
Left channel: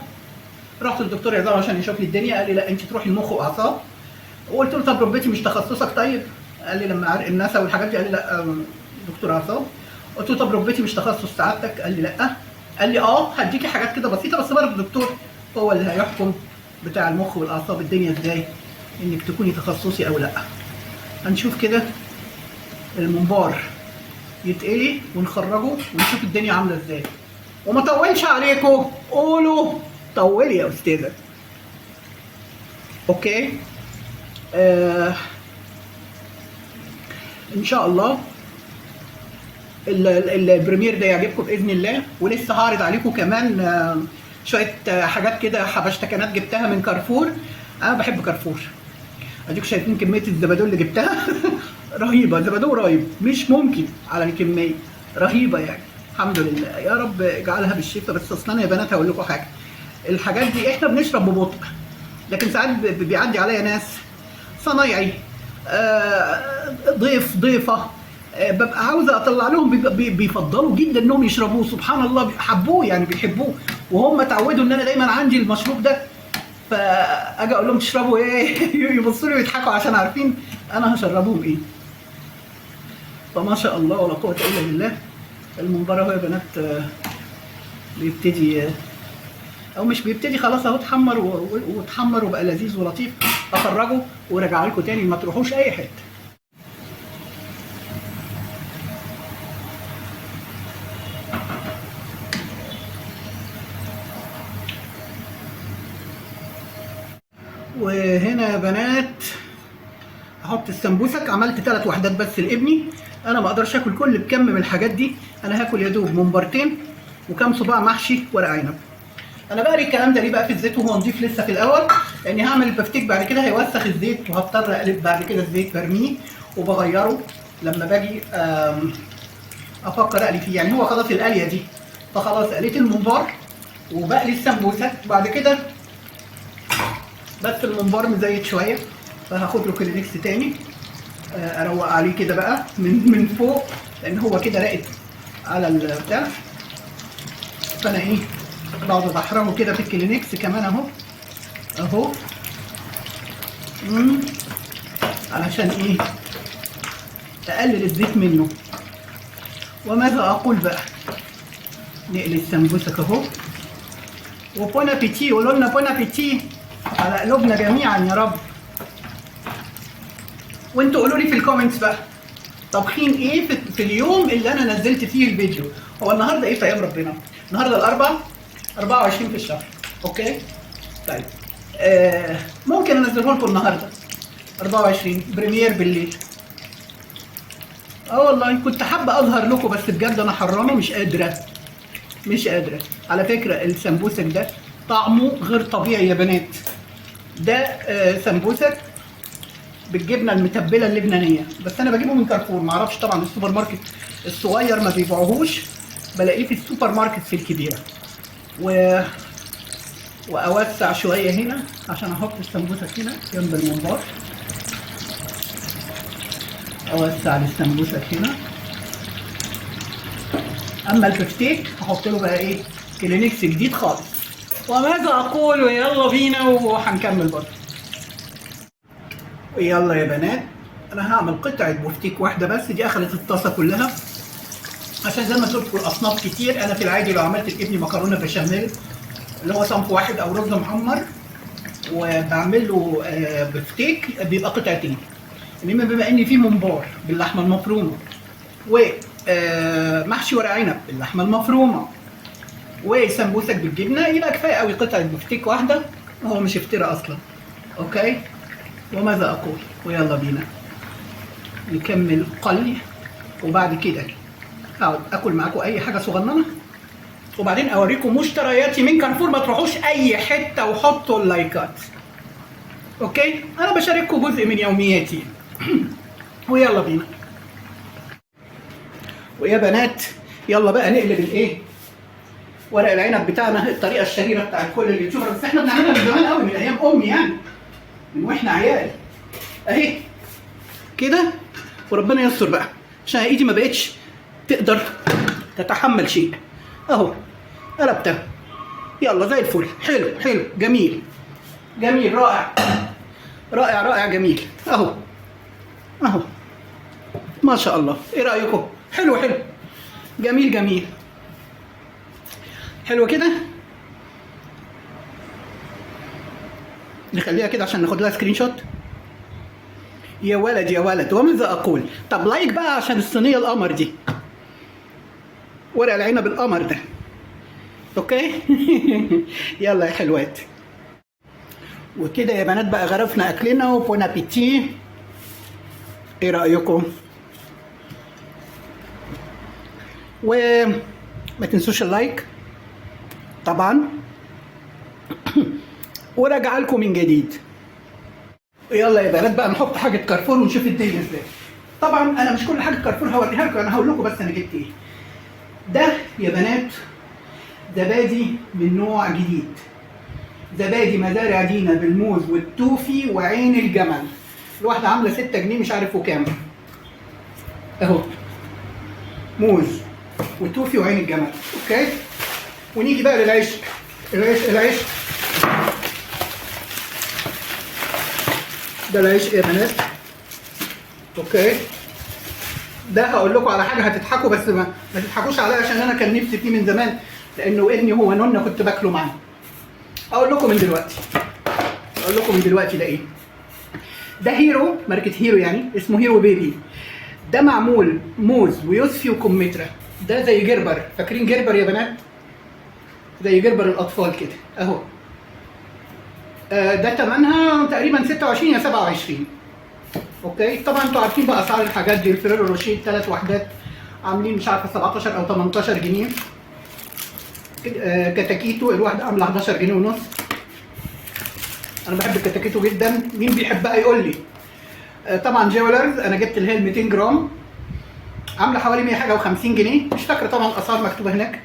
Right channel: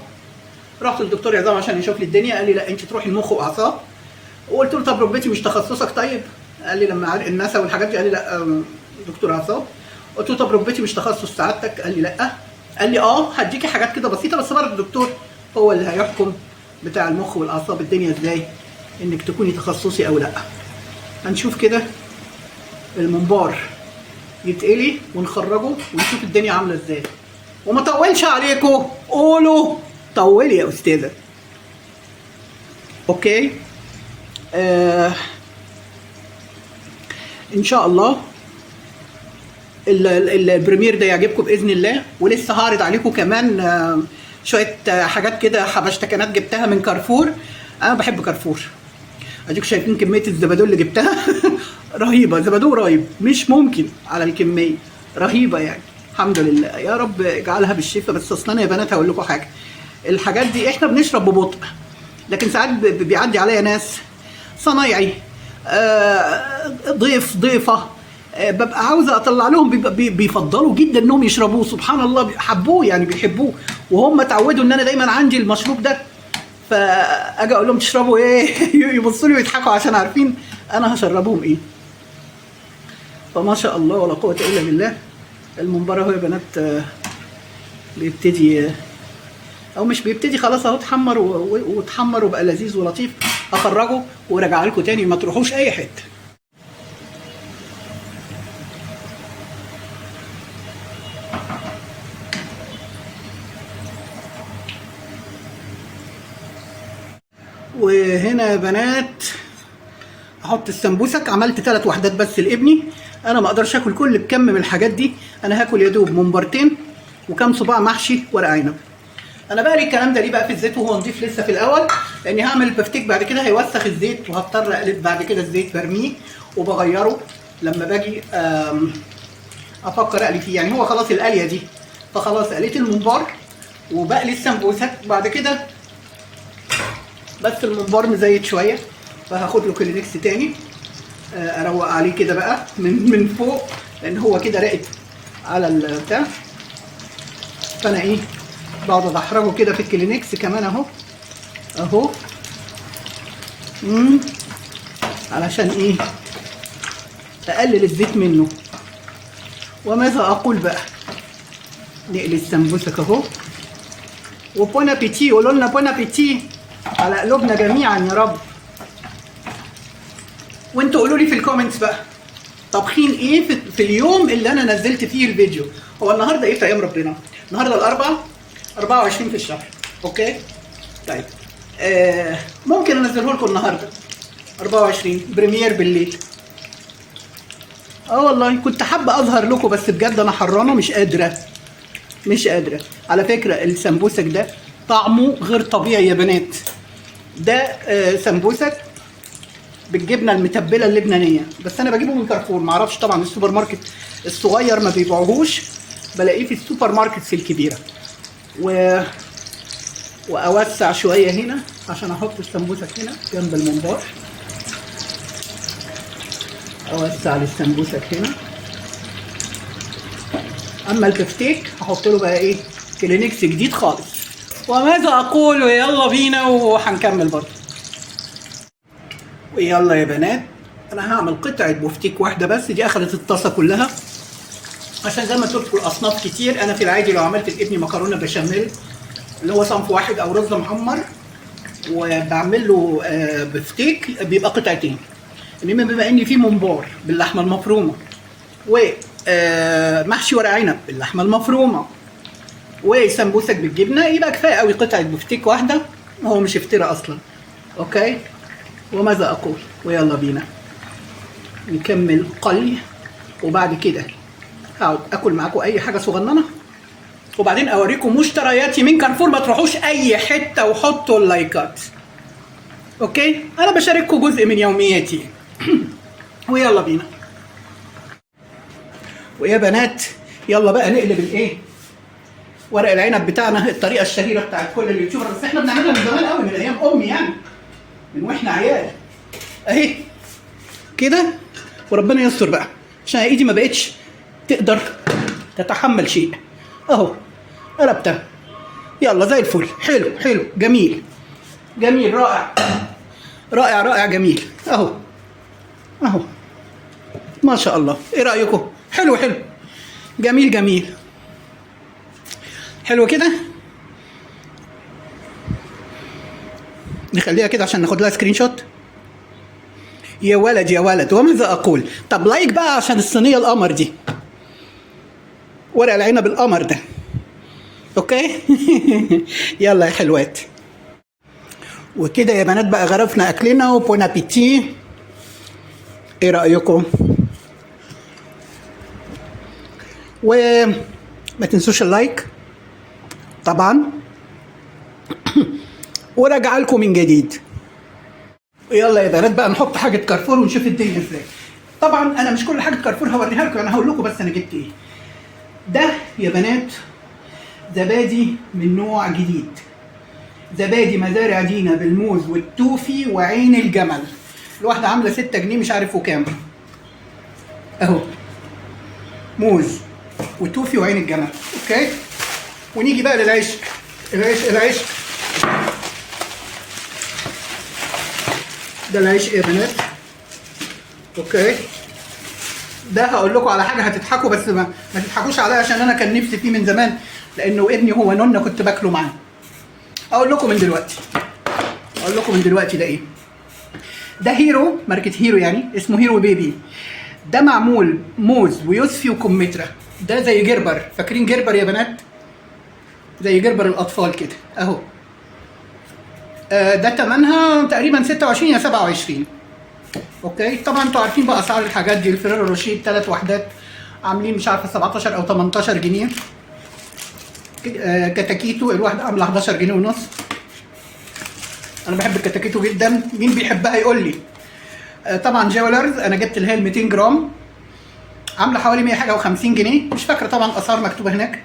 رحت للدكتور عظام عشان يشوف لي الدنيا. قال لي لا انت تروحي المخ واعصاب. وقلت له طب ركبتي مش تخصصك طيب؟ قال لي لما عرق النسا والحاجات دي. قال لي لا دكتور اعصاب. قلت له طب ركبتي مش تخصص سعادتك؟ قال لي لا. قال لي هديكي حاجات كده بسيطه بس برضه الدكتور هو اللي هيحكم بتاع المخ والاعصاب الدنيا ازاي انك تكوني تخصصي او لا. هنشوف كده الممبار يتقلي ونخرجه ونشوف الدنيا عامله ازاي. وما طولش عليكم، قولوا طولي يا استاذه. اوكي. ان شاء الله البريمير ده يعجبكم باذن الله. ولسه هعرض عليكم كمان شويه حاجات كده حبشتكنات جبتها من كارفور. انا بحب كارفور. اديكم شايفين كميه الزبادو اللي جبتها رهيبه، زبادو رهيب مش ممكن على الكميه، رهيبه يعني. الحمد لله، يا رب اجعلها بالشفاء. بس اصلا يا بنات هقول لكم حاجه، الحاجات دي احنا بنشرب ببطء، لكن ساعات بيعدي عليا ناس صنايعي ضيفه ببقى عاوزه اطلع لهم، بيفضلوا جدا انهم يشربوه. سبحان الله، حبوه يعني، بيحبوه، وهم اتعودوا ان انا دايما عندي المشروب ده. فاجي اقول لهم تشربوا ايه يبصوا لي ويضحكوا عشان عارفين انا هشربهم ايه. فما شاء الله ولا قوه الا بالله. الممبار اهو يا بنات بيبتدي او مش بيبتدي، خلاص اهو اتحمر واتحمر وبقى لذيذ ولطيف. اخرجه وراجع لكم تاني، ما تروحوش اي حته. وهنا يا بنات احط السمبوسك. عملت 3 وحدات بس لابني، انا ما اقدرش اكل كل بكم من الحاجات دي. انا هاكل يا دوب ممبرتين وكام صباع محشي ورق عنب. انا بقى الكلام ده ليه بقى في الزيت وهو نضيف لسه في الاول؟ لاني هعمل البفتيك بعد كده هيوسخ الزيت، وهضطر اقلب بعد كده الزيت برميه وبغيره لما باجي افكر اقلي فيه. يعني هو خلاص القليه دي، فخلاص قليت الممبار وبقلي السمبوسك بعد كده. بس الممبار مزيت شويه، فهاخد له كلينكس تاني اروق عليه كده بقى من فوق، لان هو كده راقد على البتاع. فانا ايه بقعد بحرجه كده في الكلينكس كمان اهو علشان ايه؟ اقلل الزيت منه. وماذا اقول بقى؟ نقلي السمبوسك اهو. وبون ابيتي، قولوا لنا بون ابيتي على قلوبنا جميعا يا رب. وانتوا قولوا لي في الكومنتس بقى طابخين ايه في اليوم اللي انا نزلت فيه الفيديو. هو النهارده ايه في ايام ربنا؟ النهارده الاربعاء 24 في الشهر، اوكي؟ طيب ممكن انزله لكم النهارده 24 بريمير بالليل. والله كنت حابه اظهر لكم، بس بجد انا حرانه مش قادره. على فكره السمبوسك ده طعمه غير طبيعي يا بنات. ده سمبوسك بالجبنه المتبله اللبنانيه، بس انا بجيبه من كارفور. معرفش طبعا السوبر ماركت الصغير ما بيبيعوهوش، بلاقيه في السوبر ماركت الكبيره. واوسع شويه هنا عشان احط السمبوسك هنا جنب الممبار. اوسع السمبوسك هنا. اما البفتيك هحط له بقى ايه؟ كلينكس جديد خالص. وماذا اقول؟ ويلا بينا وهنكمل برضه. ويلا يا بنات، انا هعمل قطعه بفتيك واحده بس، دي اخذت الطاسه كلها. عشان زي ما قلت لكم الاصناف كتير. انا في العادي لو عملت لابني مكرونه بشاميل اللي هو صنف واحد او رز محمر وبعمل له بفتيك بيبقى قطعتين. انما بما ان في ممبار باللحمه المفرومه ومحشي ورق عنب باللحمه المفرومه وسمبوسك بالجبنه، يبقى كفايه قوي قطعه بفتيك واحده، وهو مش افتراء اصلا. اوكي؟ وماذا اقول؟ ويلا بينا نكمل قلي، وبعد كده هقعد اكل معاكم اي حاجه صغننه، وبعدين اوريكم مشترياتي من كارفور. ما تروحوش اي حته وحطوا اللايكات، اوكي؟ انا بشارككم جزء من يومياتي. ويلا بينا. ويا بنات يلا بقى نقلب الايه؟ ورق العنب بتاعنا، الطريقه الشهيره بتاعت كل اليوتيوبر، بس احنا بنعملها من زمان قوي، من ايام امي يعني، من واحنا عيال. اهي كده، وربنا يستر بقى عشان ايدي ما بقتش تقدر تتحمل شيء. اهو قلبتها. يلا زي الفل. حلو جميل رائع جميل. اهو ما شاء الله. ايه رايكم؟ حلو جميل حلو كده. نخليها كده عشان ناخد لها سكرين شوت. يا ولد وماذا اقول؟ طب لايك بقى عشان الصينيه القمر دي، ورق العنب القمر ده، اوكي؟ يلا يا حلوات. وكده يا بنات بقى غرفنا اكلنا، وبون ابيتي. ايه رايكم؟ وما تنسوش اللايك طبعا، وراجع لكم من جديد. ويلا يا بنات بقى نحط حاجه كارفور ونشوف الدنيا ازاي. طبعا انا مش كل حاجه كارفور هوريها لكم، انا هقول لكم بس انا جبت ايه. ده يا بنات زبادي من نوع جديد، زبادي مزارع دينا بالموز والتوفي وعين الجمل. الواحده عامله 6 جنيه مش عارف وكام اهو، موز وتوفي وعين الجمل. اوكي، ونيجي بقى للعيش. العيش ده العيش يا بنات. اوكي، ده هقول لكم على حاجه هتضحكوا، بس ما تضحكوش عليا عشان انا كان نفسي فيه من زمان، لانه ابني هو نونه كنت باكله معاه. اقول لكم من دلوقتي ده ايه. ده هيرو، ماركه هيرو يعني، اسمه هيرو بيبي. ده معمول موز ويوسفي وكمثرى. ده زي جربر، فاكرين جربر يا بنات؟ زي جربر الاطفال كده اهو. ده تمنها تقريبا 26 يا 27. اوكي، طبعا انتوا عارفين بقى اسعار الحاجات دي. الفريرو روشيه 3 وحدات عاملين مش عارفه 17 او 18 جنيه. كتاكيتو الواحده عامله 11 جنيه ونص. انا بحب الكتاكيتو جدا، مين بيحبها يقول لي. طبعا جولرز انا جبت اللي هي ال 200 جرام، عامله حوالي 100 حاجه و50 جنيه، مش فاكره طبعا الاسعار مكتوبه هناك.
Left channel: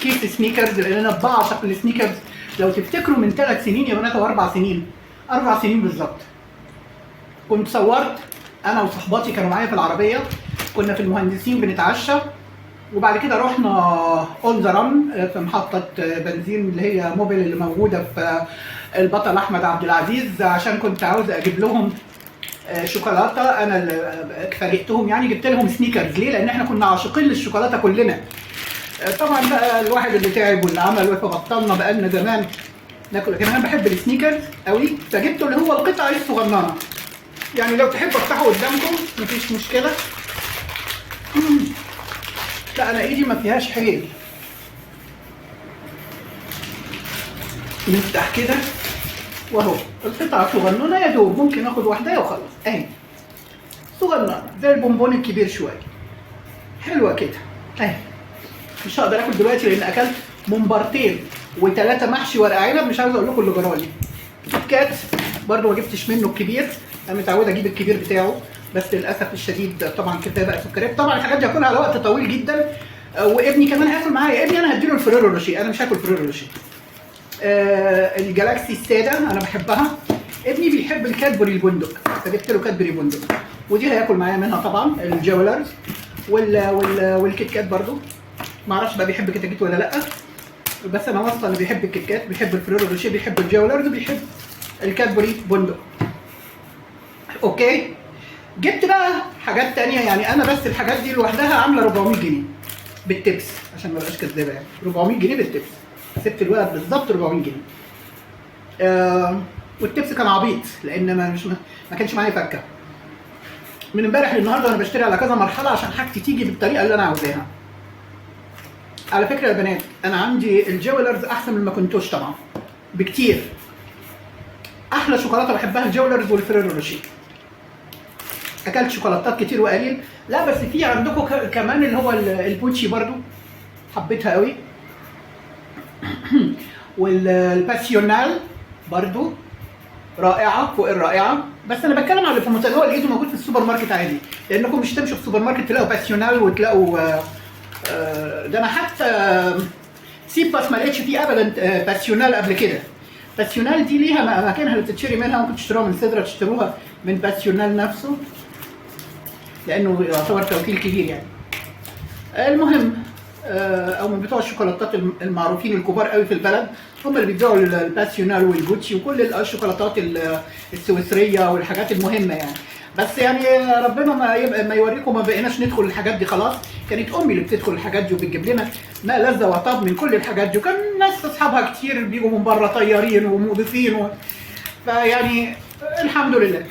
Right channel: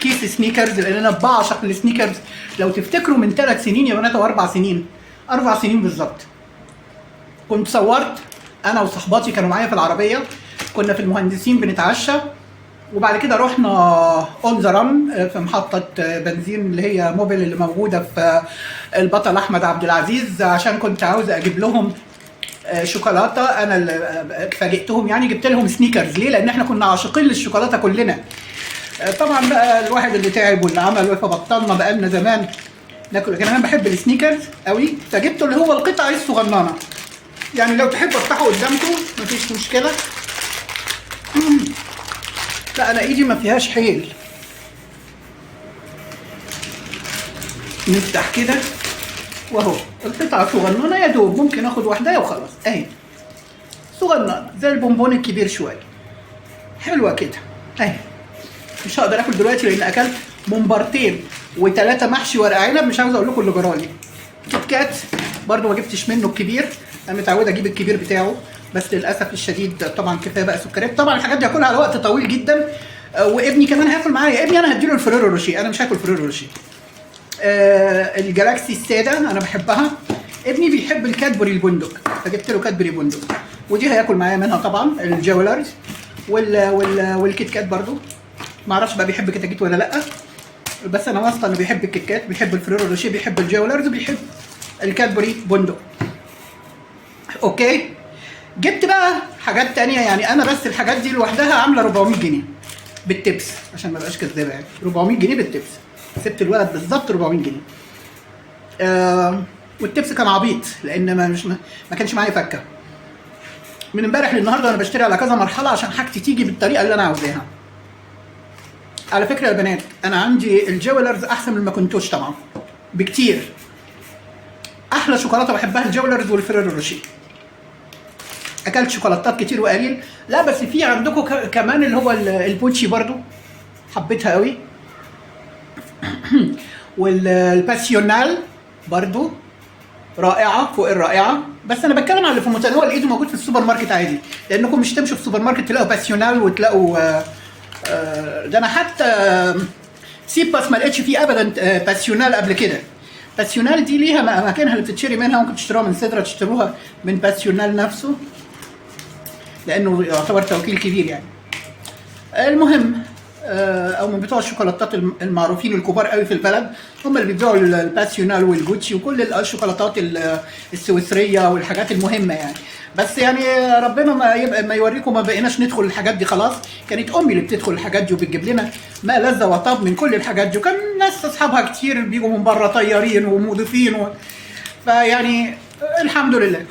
كيس سنيكرز، لان انا بعشق السنيكرز. لو تفتكروا من 3 سنين يا بنات او 4 سنين، 4 سنين بالظبط، كنت صورت انا وصحباتي كانوا معايا في العربيه، كنا في المهندسين بنتعشى، وبعد كده رحنا اون ذا ران في محطه بنزين اللي هي موبيل اللي موجوده في البطل احمد عبد العزيز، عشان كنت عاوزه اجيب لهم شوكولاته. انا اللي فاجئتهم يعني، جبت لهم سنيكرز. ليه؟ لان احنا كنا عاشقين للشوكولاته كلنا. طبعا بقى الواحد اللي تعب واللي عمل فبطلنا بقالنا زمان ناكل، لكن انا بحب السنيكرز قوي، فجبته اللي هو القطعه الصغننه. يعني لو تحبوا افتحه قدامكم مفيش مشكله. لا انا ايدي ما فيهاش حيل. نفتح كده واهو القطعه صغننه يا دوب، ممكن اخد واحده وخلاص اهي، صغننه زي البونبون الكبير شويه، حلوه كده اهي. مش هقدر اكل دلوقتي لان اكلت ممبرتين و3 محشي ورق عنب، مش عاوز اقول لكم اللي جرالي. كيت كات برضه ما جبتش منه الكبير، انا متعوده اجيب الكبير بتاعه، بس للاسف الشديد طبعا كفايه بقى سكريات. طبعا الحاجات دي هاكلها على وقت طويل جدا، وابني كمان هياكل معايا. ابني انا هديله الفريرو روشيه، انا مش هاكل فريرو روشيه. الجالاكسي الساده انا بحبها. ابني بيحب الكادبري البندق، فجبت له كادبري بندق، ودي هياكل معايا منها طبعا. الجولرز والكيت كات برضو، ما اعرفش بقى بيحب كتاكيت ولا لا، بس انا واثقه انه بيحب الكيت كات، بيحب الفريرو روشيه، بيحب الجولرز، بيحب الكادبري بندق. اوكي، جبت بقى حاجات تانية يعني. انا بس الحاجات دي لوحدها عامله 400 جنيه بالتبس، عشان ما بقاش كدابه يعني. 400 جنيه بالتبس، سبت الولد بالظبط 400 جنيه. والتبس كان عبيط لان ما كانش معايا فكه. من امبارح للنهارده انا بشتري على كذا مرحله عشان حاجتي تيجي بالطريقه اللي انا عاوزاها. على فكره يا بنات، انا عندي الجولرز احسن من ماكنتوش طبعا بكتير. احلى شوكولاته بحبها الجولرز والفريرو روشيه. اكلت شوكولاتات كتير وقليل، لا بس في عندكم كمان اللي هو البوتشي برضو حبيتها قوي، والباسيونال برضو رائعه فوق الرائعه. بس انا بتكلم على اللي في المتناول الايد موجود في السوبر ماركت عادي، لانكم مش تمشوا في السوبر ماركت تلاقوا باسيونال وتلاقوا ده انا حتى سيباس ما لقيتش فيه ابدا باسيونال قبل كده. باسيونال دي ليها اماكنها اللي بتشتري منها، ممكن تشتروها من سدرة، تشتروها من باسيونال نفسه لانه يعتبر توكيل كبير يعني. المهم او من بتوع الشوكولاتات المعروفين الكبار قوي في البلد، هم اللي بيبيعوا الباسيونال والبوتشي وكل الشوكولاتات السويسريه والحاجات المهمه يعني. بس يعني ربنا ما يوريكم، ما بقيناش ندخل الحاجات دي خلاص. كانت امي اللي بتدخل الحاجات دي وبتجيب لنا ما لذ وطاب من كل الحاجات دي، وكان ناس اصحابها كتير بيجوا من بره طيارين ومضيفين فيعني الحمد لله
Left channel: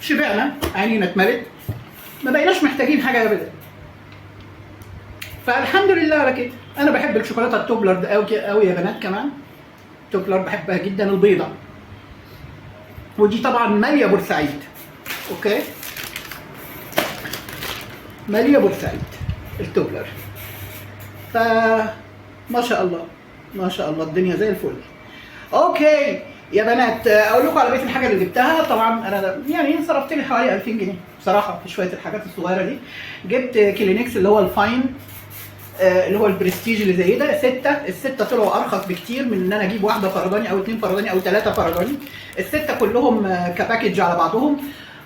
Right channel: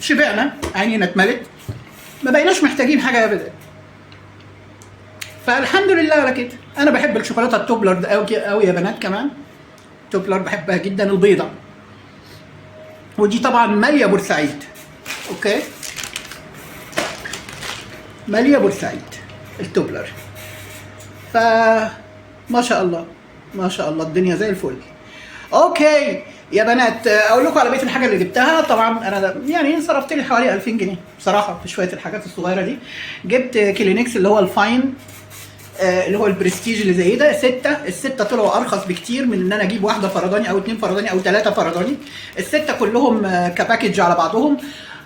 شبعنا، عينينا اتملت، ما بقيناش محتاجين حاجه ابدا. فالحمد لله على كده. انا بحب الشوكولاته التوبلر ده قوي يا بنات، كمان توبلر بحبها جدا، البيضه، ودي طبعا ماليه بورسعيد. اوكي، ماليه بورسعيد التوبلر. ف ما شاء الله ما شاء الله الدنيا زي الفل. اوكي يا بنات، اقول لكم على بقيه الحاجه اللي جبتها. طبعا انا يعني صرفت لي حوالي 2000 جنيه بصراحه في شويه الحاجات الصغيره دي. جبت كلينكس اللي هو الفاين، اللي هو البرستيج اللي زي ده، الستة طلعوا ارخص بكتير من ان انا اجيب واحده فرداني او 2 فرداني او 3 فرداني. الستة كلهم كباكج على بعضهم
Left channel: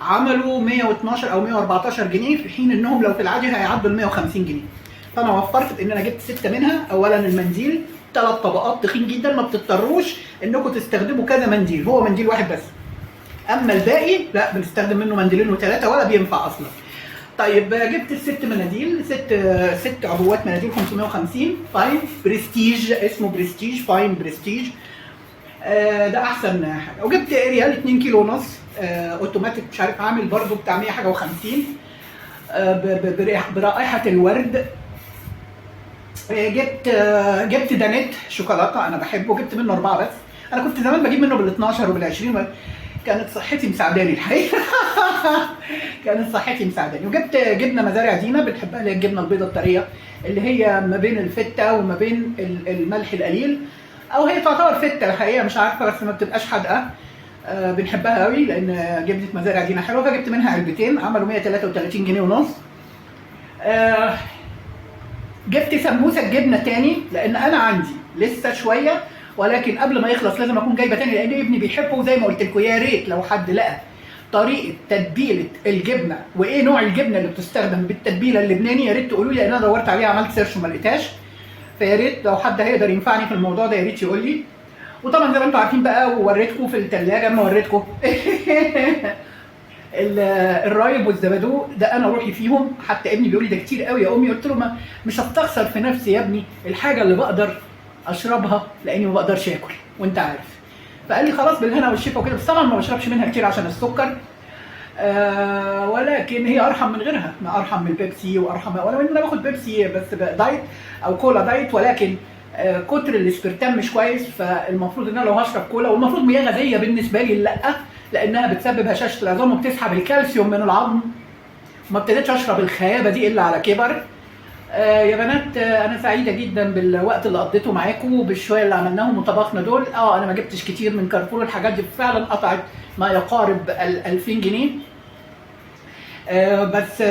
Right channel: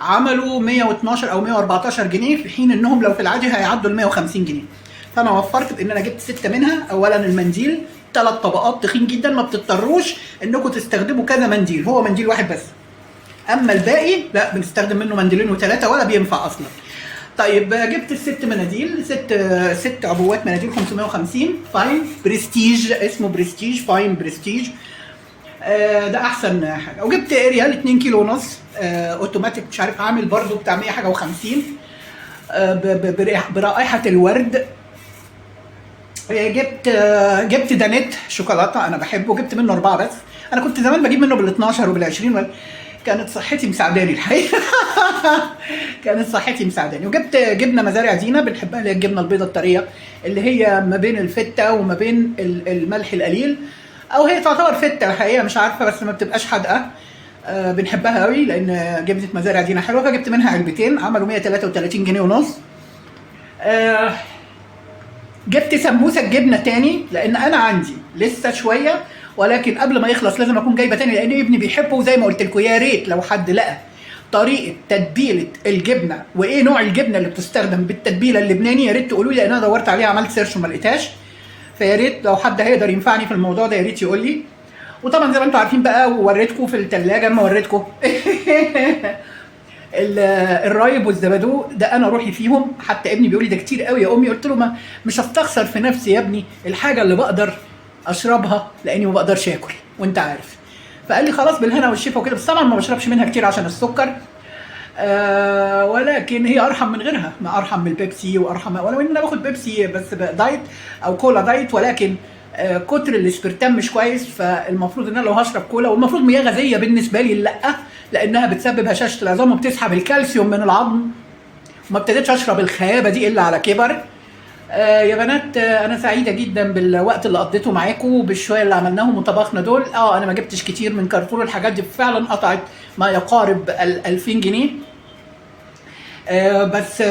عملوا 112 او 114 جنيه، في حين انهم لو في العادي هيعدوا ال 150 جنيه. فانا وفرت بان انا جبت 6 منها. اولا المنديل 3 طبقات تخين جدا، ما بتضطروش انكم تستخدموا كذا منديل، هو منديل واحد بس. اما الباقي لا، بنستخدم منه منديلين وثلاثه ولا بينفع اصلا. طيب جبت الست مناديل، ست عبوات مناديل 550 فاين برستيج، اسمه برستيج فاين برستيج. ده احسن حاجه. وجبت اريال 2 كيلو ونص اوتوماتيك، مش عارف عامل برده بتاع 100 حاجه و50 برائحه الورد. جبت دانيت شوكولاته، انا بحبه، جبت منه 4 بس. انا كنت زمان بجيب منه بال 12 وبال 20، كانت صحتي مساعداني الحقيقه. كانت صحتي مساعداني. وجبت جبنه مزارع دينا بنحبها، اللي هي الجبنه البيضاء الطريه اللي هي ما بين الفته وما بين الملح القليل، او هي تعتبر فته الحقيقه مش عارفه، بس ما بتبقاش حادقه. بنحبها قوي لان جبنه مزارع دينا حلوه، فجبت منها علبتين عملوا 133 جنيه ونص. جبت سموسه جبنه تاني لان انا عندي لسه شويه، ولكن قبل ما يخلص لازم اكون جايبه تاني لان ابني بيحبه. وزي ما قلت لكم يا ريت لو حد لقى طريقه تتبيله الجبنه وايه نوع الجبنه اللي بتستخدم بالتتبيله اللبناني، يا ريت تقولوا لي لان انا دورت عليها عملت سيرش وما لقيتهاش. فيا ريت لو حد هيقدر ينفعني في الموضوع ده يا ريت يقول لي. وطبعا زي ما انتم عارفين بقى، ووريتكم في الثلاجه، انا وريتكم الرايب والزبادو ده انا روحي فيهم. حتى ابني بيقول لي ده كتير قوي يا امي، قلت له مش هستخسر في نفسي يا ابني الحاجه اللي بقدر اشربها لاني ما بقدرش اكل وانت عارف. فقال لي خلاص بالهنا والشفا وكده، بس طبعا ما بشربش منها كتير عشان السكر. ولكن هي ارحم من غيرها، ما ارحم من البيبسي وارحم، ولو ان انا باخد بيبسي بس دايت او كولا دايت، ولكن كتر الاسبرتام مش كويس. فالمفروض ان انا لو هشرب كولا، والمفروض مياه غازيه بالنسبه لي لا، لانها بتسبب هشاشه العظام وبتسحب الكالسيوم من العظم. وما ابتديتش اشرب الخيابه دي الا على كبر. يا بنات انا سعيده جدا بالوقت اللي قضيته معاكم وبالشويه اللي عملناهم وطبخنا دول. انا ما جبتش كتير من كارفور، الحاجات دي فعلا قطعت ما يقارب 2000 جنيه. بس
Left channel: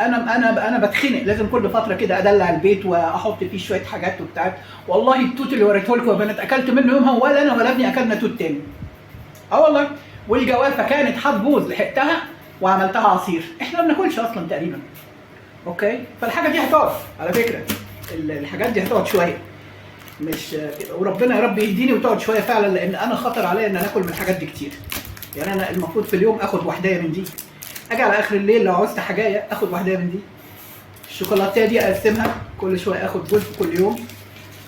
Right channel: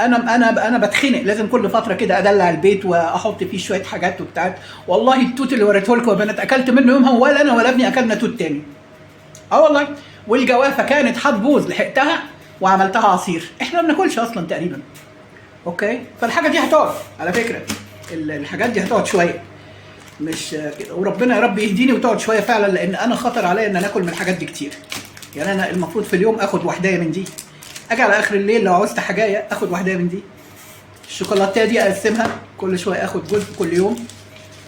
انا بتخنق، لازم كل فتره كده ادلع البيت واحط فيه شويه حاجات وبتاع. والله التوت اللي وريته لكم يا بنات اكلت منه يومها، ولا انا ولا ابني اكلنا توت تاني. والله. والجوافه كانت هتبوظ لحقتها وعملتها عصير. احنا ما بناكلش اصلا تقريبا. اوكي، فالحاجه دي هتقعد على فكره، الحاجات دي هتقعد شويه، مش وربنا يا رب يهديني وتقعد شويه فعلا، لان انا خطر عليا ان انا اكل من الحاجات دي كتير. يعني انا المفروض في اليوم اخد وحدايه من دي، اجي على اخر الليل لو عوزت حاجايه اخد وحدايه من دي. الشوكولاتيه دي اقسمها كل شويه، اخد جزء كل يوم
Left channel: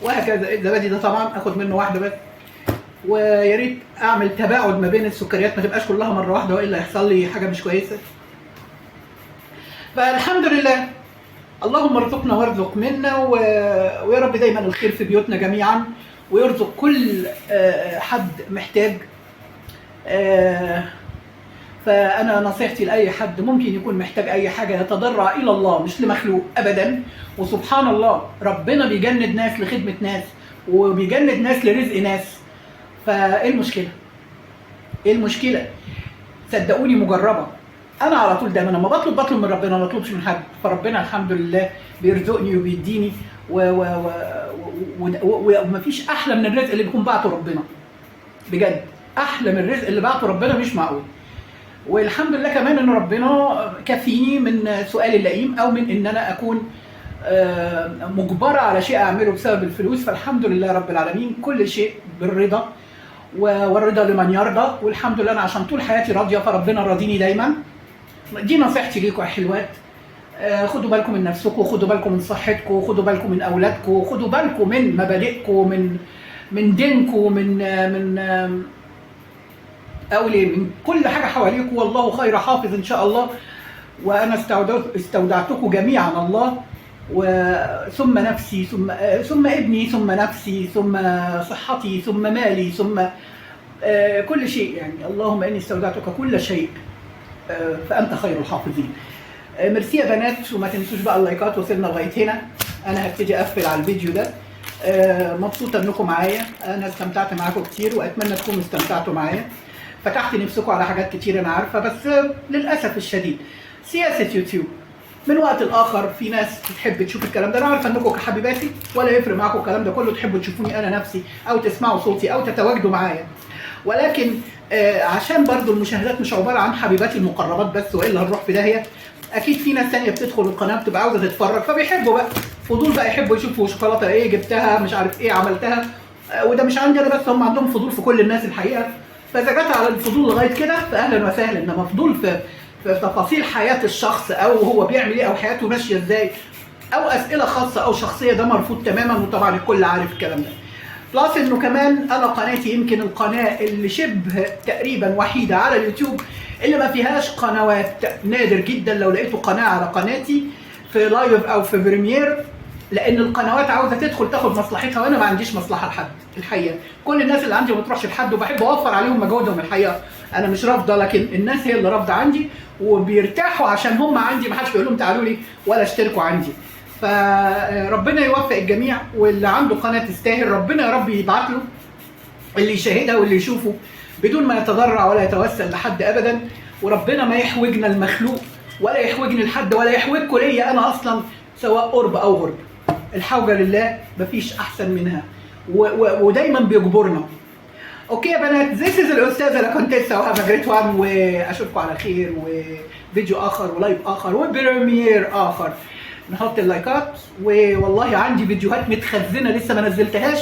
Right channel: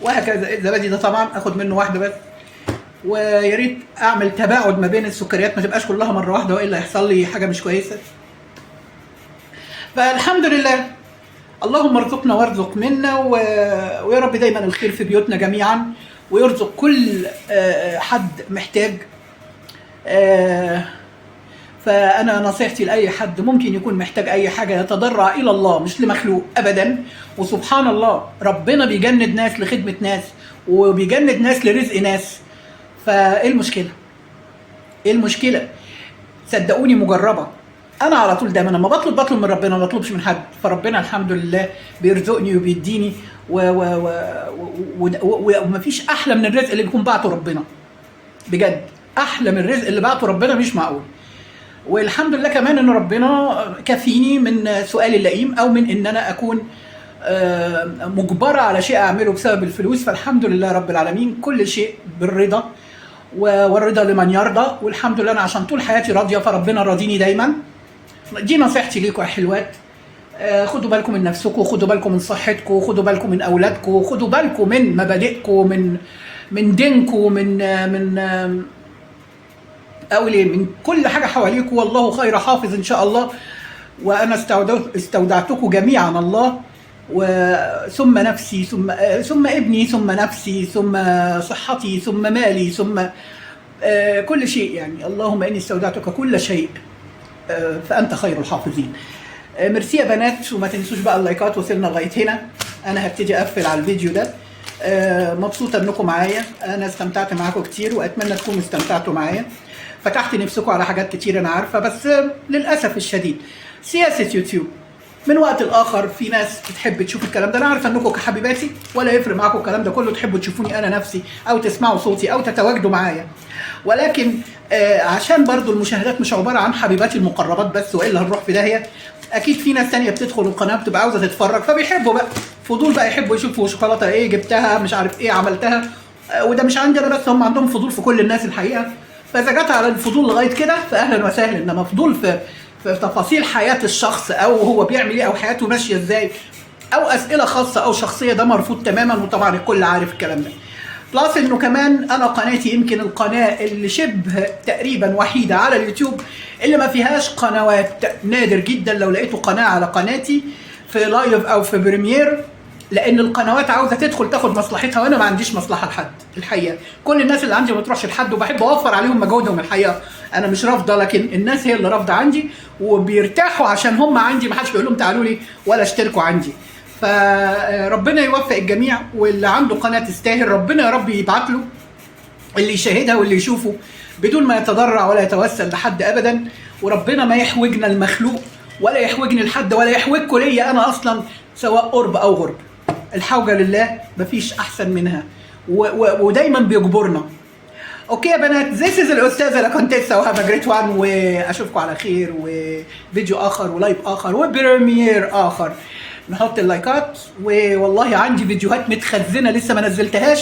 وهكذا. الزبادي ده طبعا اخد منه واحده بس. ويا ريت اعمل تباعد ما بين السكريات، ما تبقاش كلها مره واحده والا يحصل لي حاجه مش كويسه. فالحمد لله، اللهم ارزقنا وارزق منا، ويا رب دايما الخير في بيوتنا جميعا، ويرزق كل حد محتاج. فأنا نصيحتي لأي حد ممكن يكون محتاج أي حاجة يتضرع إلى الله مش لمخلوق أبدا. وسبحان الله ربنا بيجند ناس لخدمة ناس، وبيجند ناس لرزق ناس. فإيه المشكلة؟ إيه المشكلة؟ صدقوني مجربة. أنا على طول دايما لما بطلب من ربنا، ما بطلبش من حد، فربنا الحمد لله بيرزقني وبيديني، ومفيش أحلى من الرزق اللي بيكون بعته ربنا. بجد أحلى من الرزق اللي بعته ربنا مش معقول. والحمد لله كمان ان ربنا كفيني من سؤال اللئيم، او من ان انا اكون مجبره على شيء اعمله بسبب الفلوس. فالحمد لله رب العالمين، كل شيء بالرضا، والرضا لمن يرضى. والحمد لله انا عشان طول حياتي راضيه، فربنا راضيني دايما. دي نصيحتي ليكم يا حلوات. خدوا بالكم من نفسكم، خدوا بالكم من صحتكم، خدوا بالكم من اولادكم، خدوا بالكم من مبادئكم، من دينكم، من أولي من كل حاجة حواليكم. والله خير حافظ إن شاء الله. وأنا استودعتكم جميعا الله، ثم نفسي، ثم ابني، ثم نفسي، ثم صحتي، ثم مالي، ثم كل شيء. يعني اللهم إني استودعتك كل شيء فأنت خير الحافظين. ميرسي يا بنات، وما تنسوش بقى اللايكات. وصلنا لغايه هنا، انا هبتدي اقفل على الفيديو ده. مبسوطه انكم معايا، انا استمتعت معاكم كتير واتمنى تكونوا استمتعتوا معايا. فتحت نفسكم على حاجات كتير انا عارفه، بس للاسف الشديد سياسه يوتيوب من وقت لاخر في ناس بتحب تشوف الكلام ده. انا عارفه انكم كحبيباتي ولا يفرق معاكم الكلام ده كله، تحبوا تشوفوني انا نفسي او تسمعوا صوتي او تتواجدوا معايا. ولكن عشان برضو المشاهدات مش عباره عن حبيباتي المقربات بس، والا هنروح في داهيه. اكيد في ناس ثانيه بتدخل القناه بتبقى عاوزه تتفرج، فبيحبوا بقى فضول بقى، يحبوا يشوفوا شوكولاته ايه جبتها، مش عارف ايه عملتها. وده مش عندي انا بس، هم عندهم فضول في كل الناس الحقيقه. فاذا جت على الفضول لغايه كده فاهلا وسهلا، انما فضول في تفاصيل حياه الشخص او هو بيعمل ايه او حياته ماشيه ازاي او اسئله خاصه او شخصيه، ده مرفوض تماما. وطبعا الكل عارف الكلام ده. بلس انه كمان انا قناتي يمكن القناه اللي شبه تقريبا وحيده على اليوتيوب اللي ما فيهاش قنوات. نادر جدا لو لقيتوا قناه على قناتي في لايف او في بريمير، لان القنوات عاوزه تدخل تاخد مصلحتها، وانا ما عنديش مصلحه لحد الحقيقه. كل الناس اللي عندي ما بتروحش لحد، وبحب اوفر عليهم مجهودهم الحقيقه. انا مش رافضه، لكن الناس هي اللي رافضه عندي، وبيرتاحوا عشان هم عندي، ما حدش بيقول لهم تعالوا لي ولا اشتركوا عندي. فربنا يوفق الجميع، واللي عنده قناه تستاهل ربنا يا رب يبعت له اللي يشاهدها واللي يشوفه بدون ما يتضرع ولا يتوسل لحد ابدا. وربنا ما يحوجنا المخلوق ولا يحوجني لحد ولا يحوجكم ليا انا اصلا، سواء قرب او غرب. الحوجه لله مفيش احسن منها، ودايما بيجبرنا. اوكي يا بنات، ذيس از الاستاذه لاكونتيسا، وهاف جريت وان، واشوفكم على خير، وفيديو اخر ولايف اخر وبريمير اخر. نحط اللايكات، والله عندي فيديوهات متخزنه لسه ما نزلتهاش،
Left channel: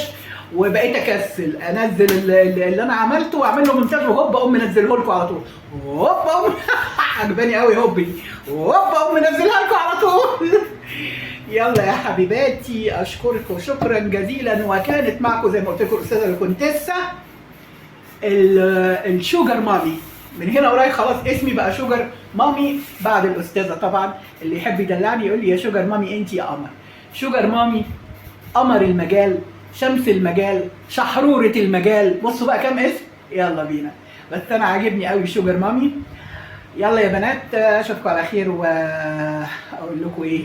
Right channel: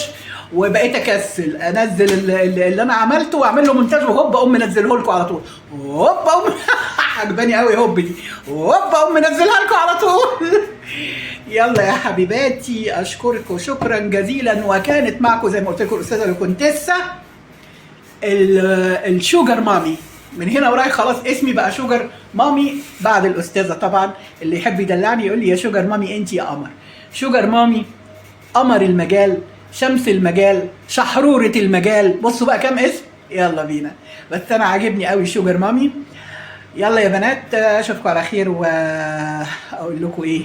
وبقيت اكسل انزل اللي انا عملته واعمل له مونتاج، وهوب اقوم منزله لكم على طول. هوب اقوم عجباني قوي هوب دي، هوب اقوم منزلها لكم على طول. يلا يا حبيباتي، اشكركم شكرا جزيلا، وكانت معكم زي ما قلت لكم الاستاذه الكونتيسا الشوجر مامي. من هنا ورايح خلاص اسمي بقى شوجر مامي بعد الاستاذه. طبعا اللي يحب يدلعني يقول لي يا شوجر مامي انت يا قمر. شوجر مامي، قمر المجال، شمس المجال، شحروره المجال. بصوا بقى كام اسم، يلا بينا. بس انا عاجبني قوي شوجر مامي. يلا يا بنات، اشوفكم على خير، واقول لكم ايه،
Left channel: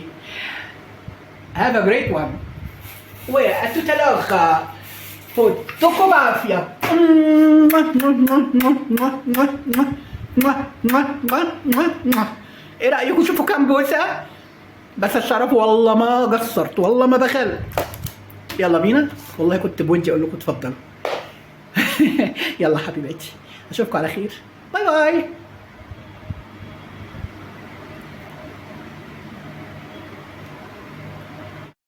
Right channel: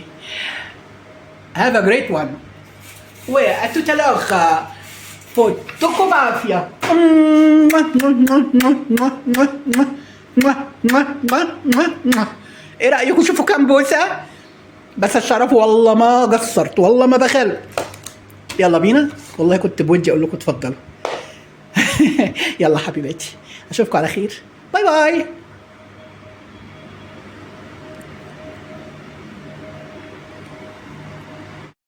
have a great one واتوتالوخا فوتكم بعافيه. ايه رايكم؟ شوفوا كام بوسه، بس الشرف والله ما قصرت، والله ما بخل. يلا بينا، والله كنت بودي اقول لكم اتفضلوا. يلا حبيباتي، اشوفكم على خير، باي باي.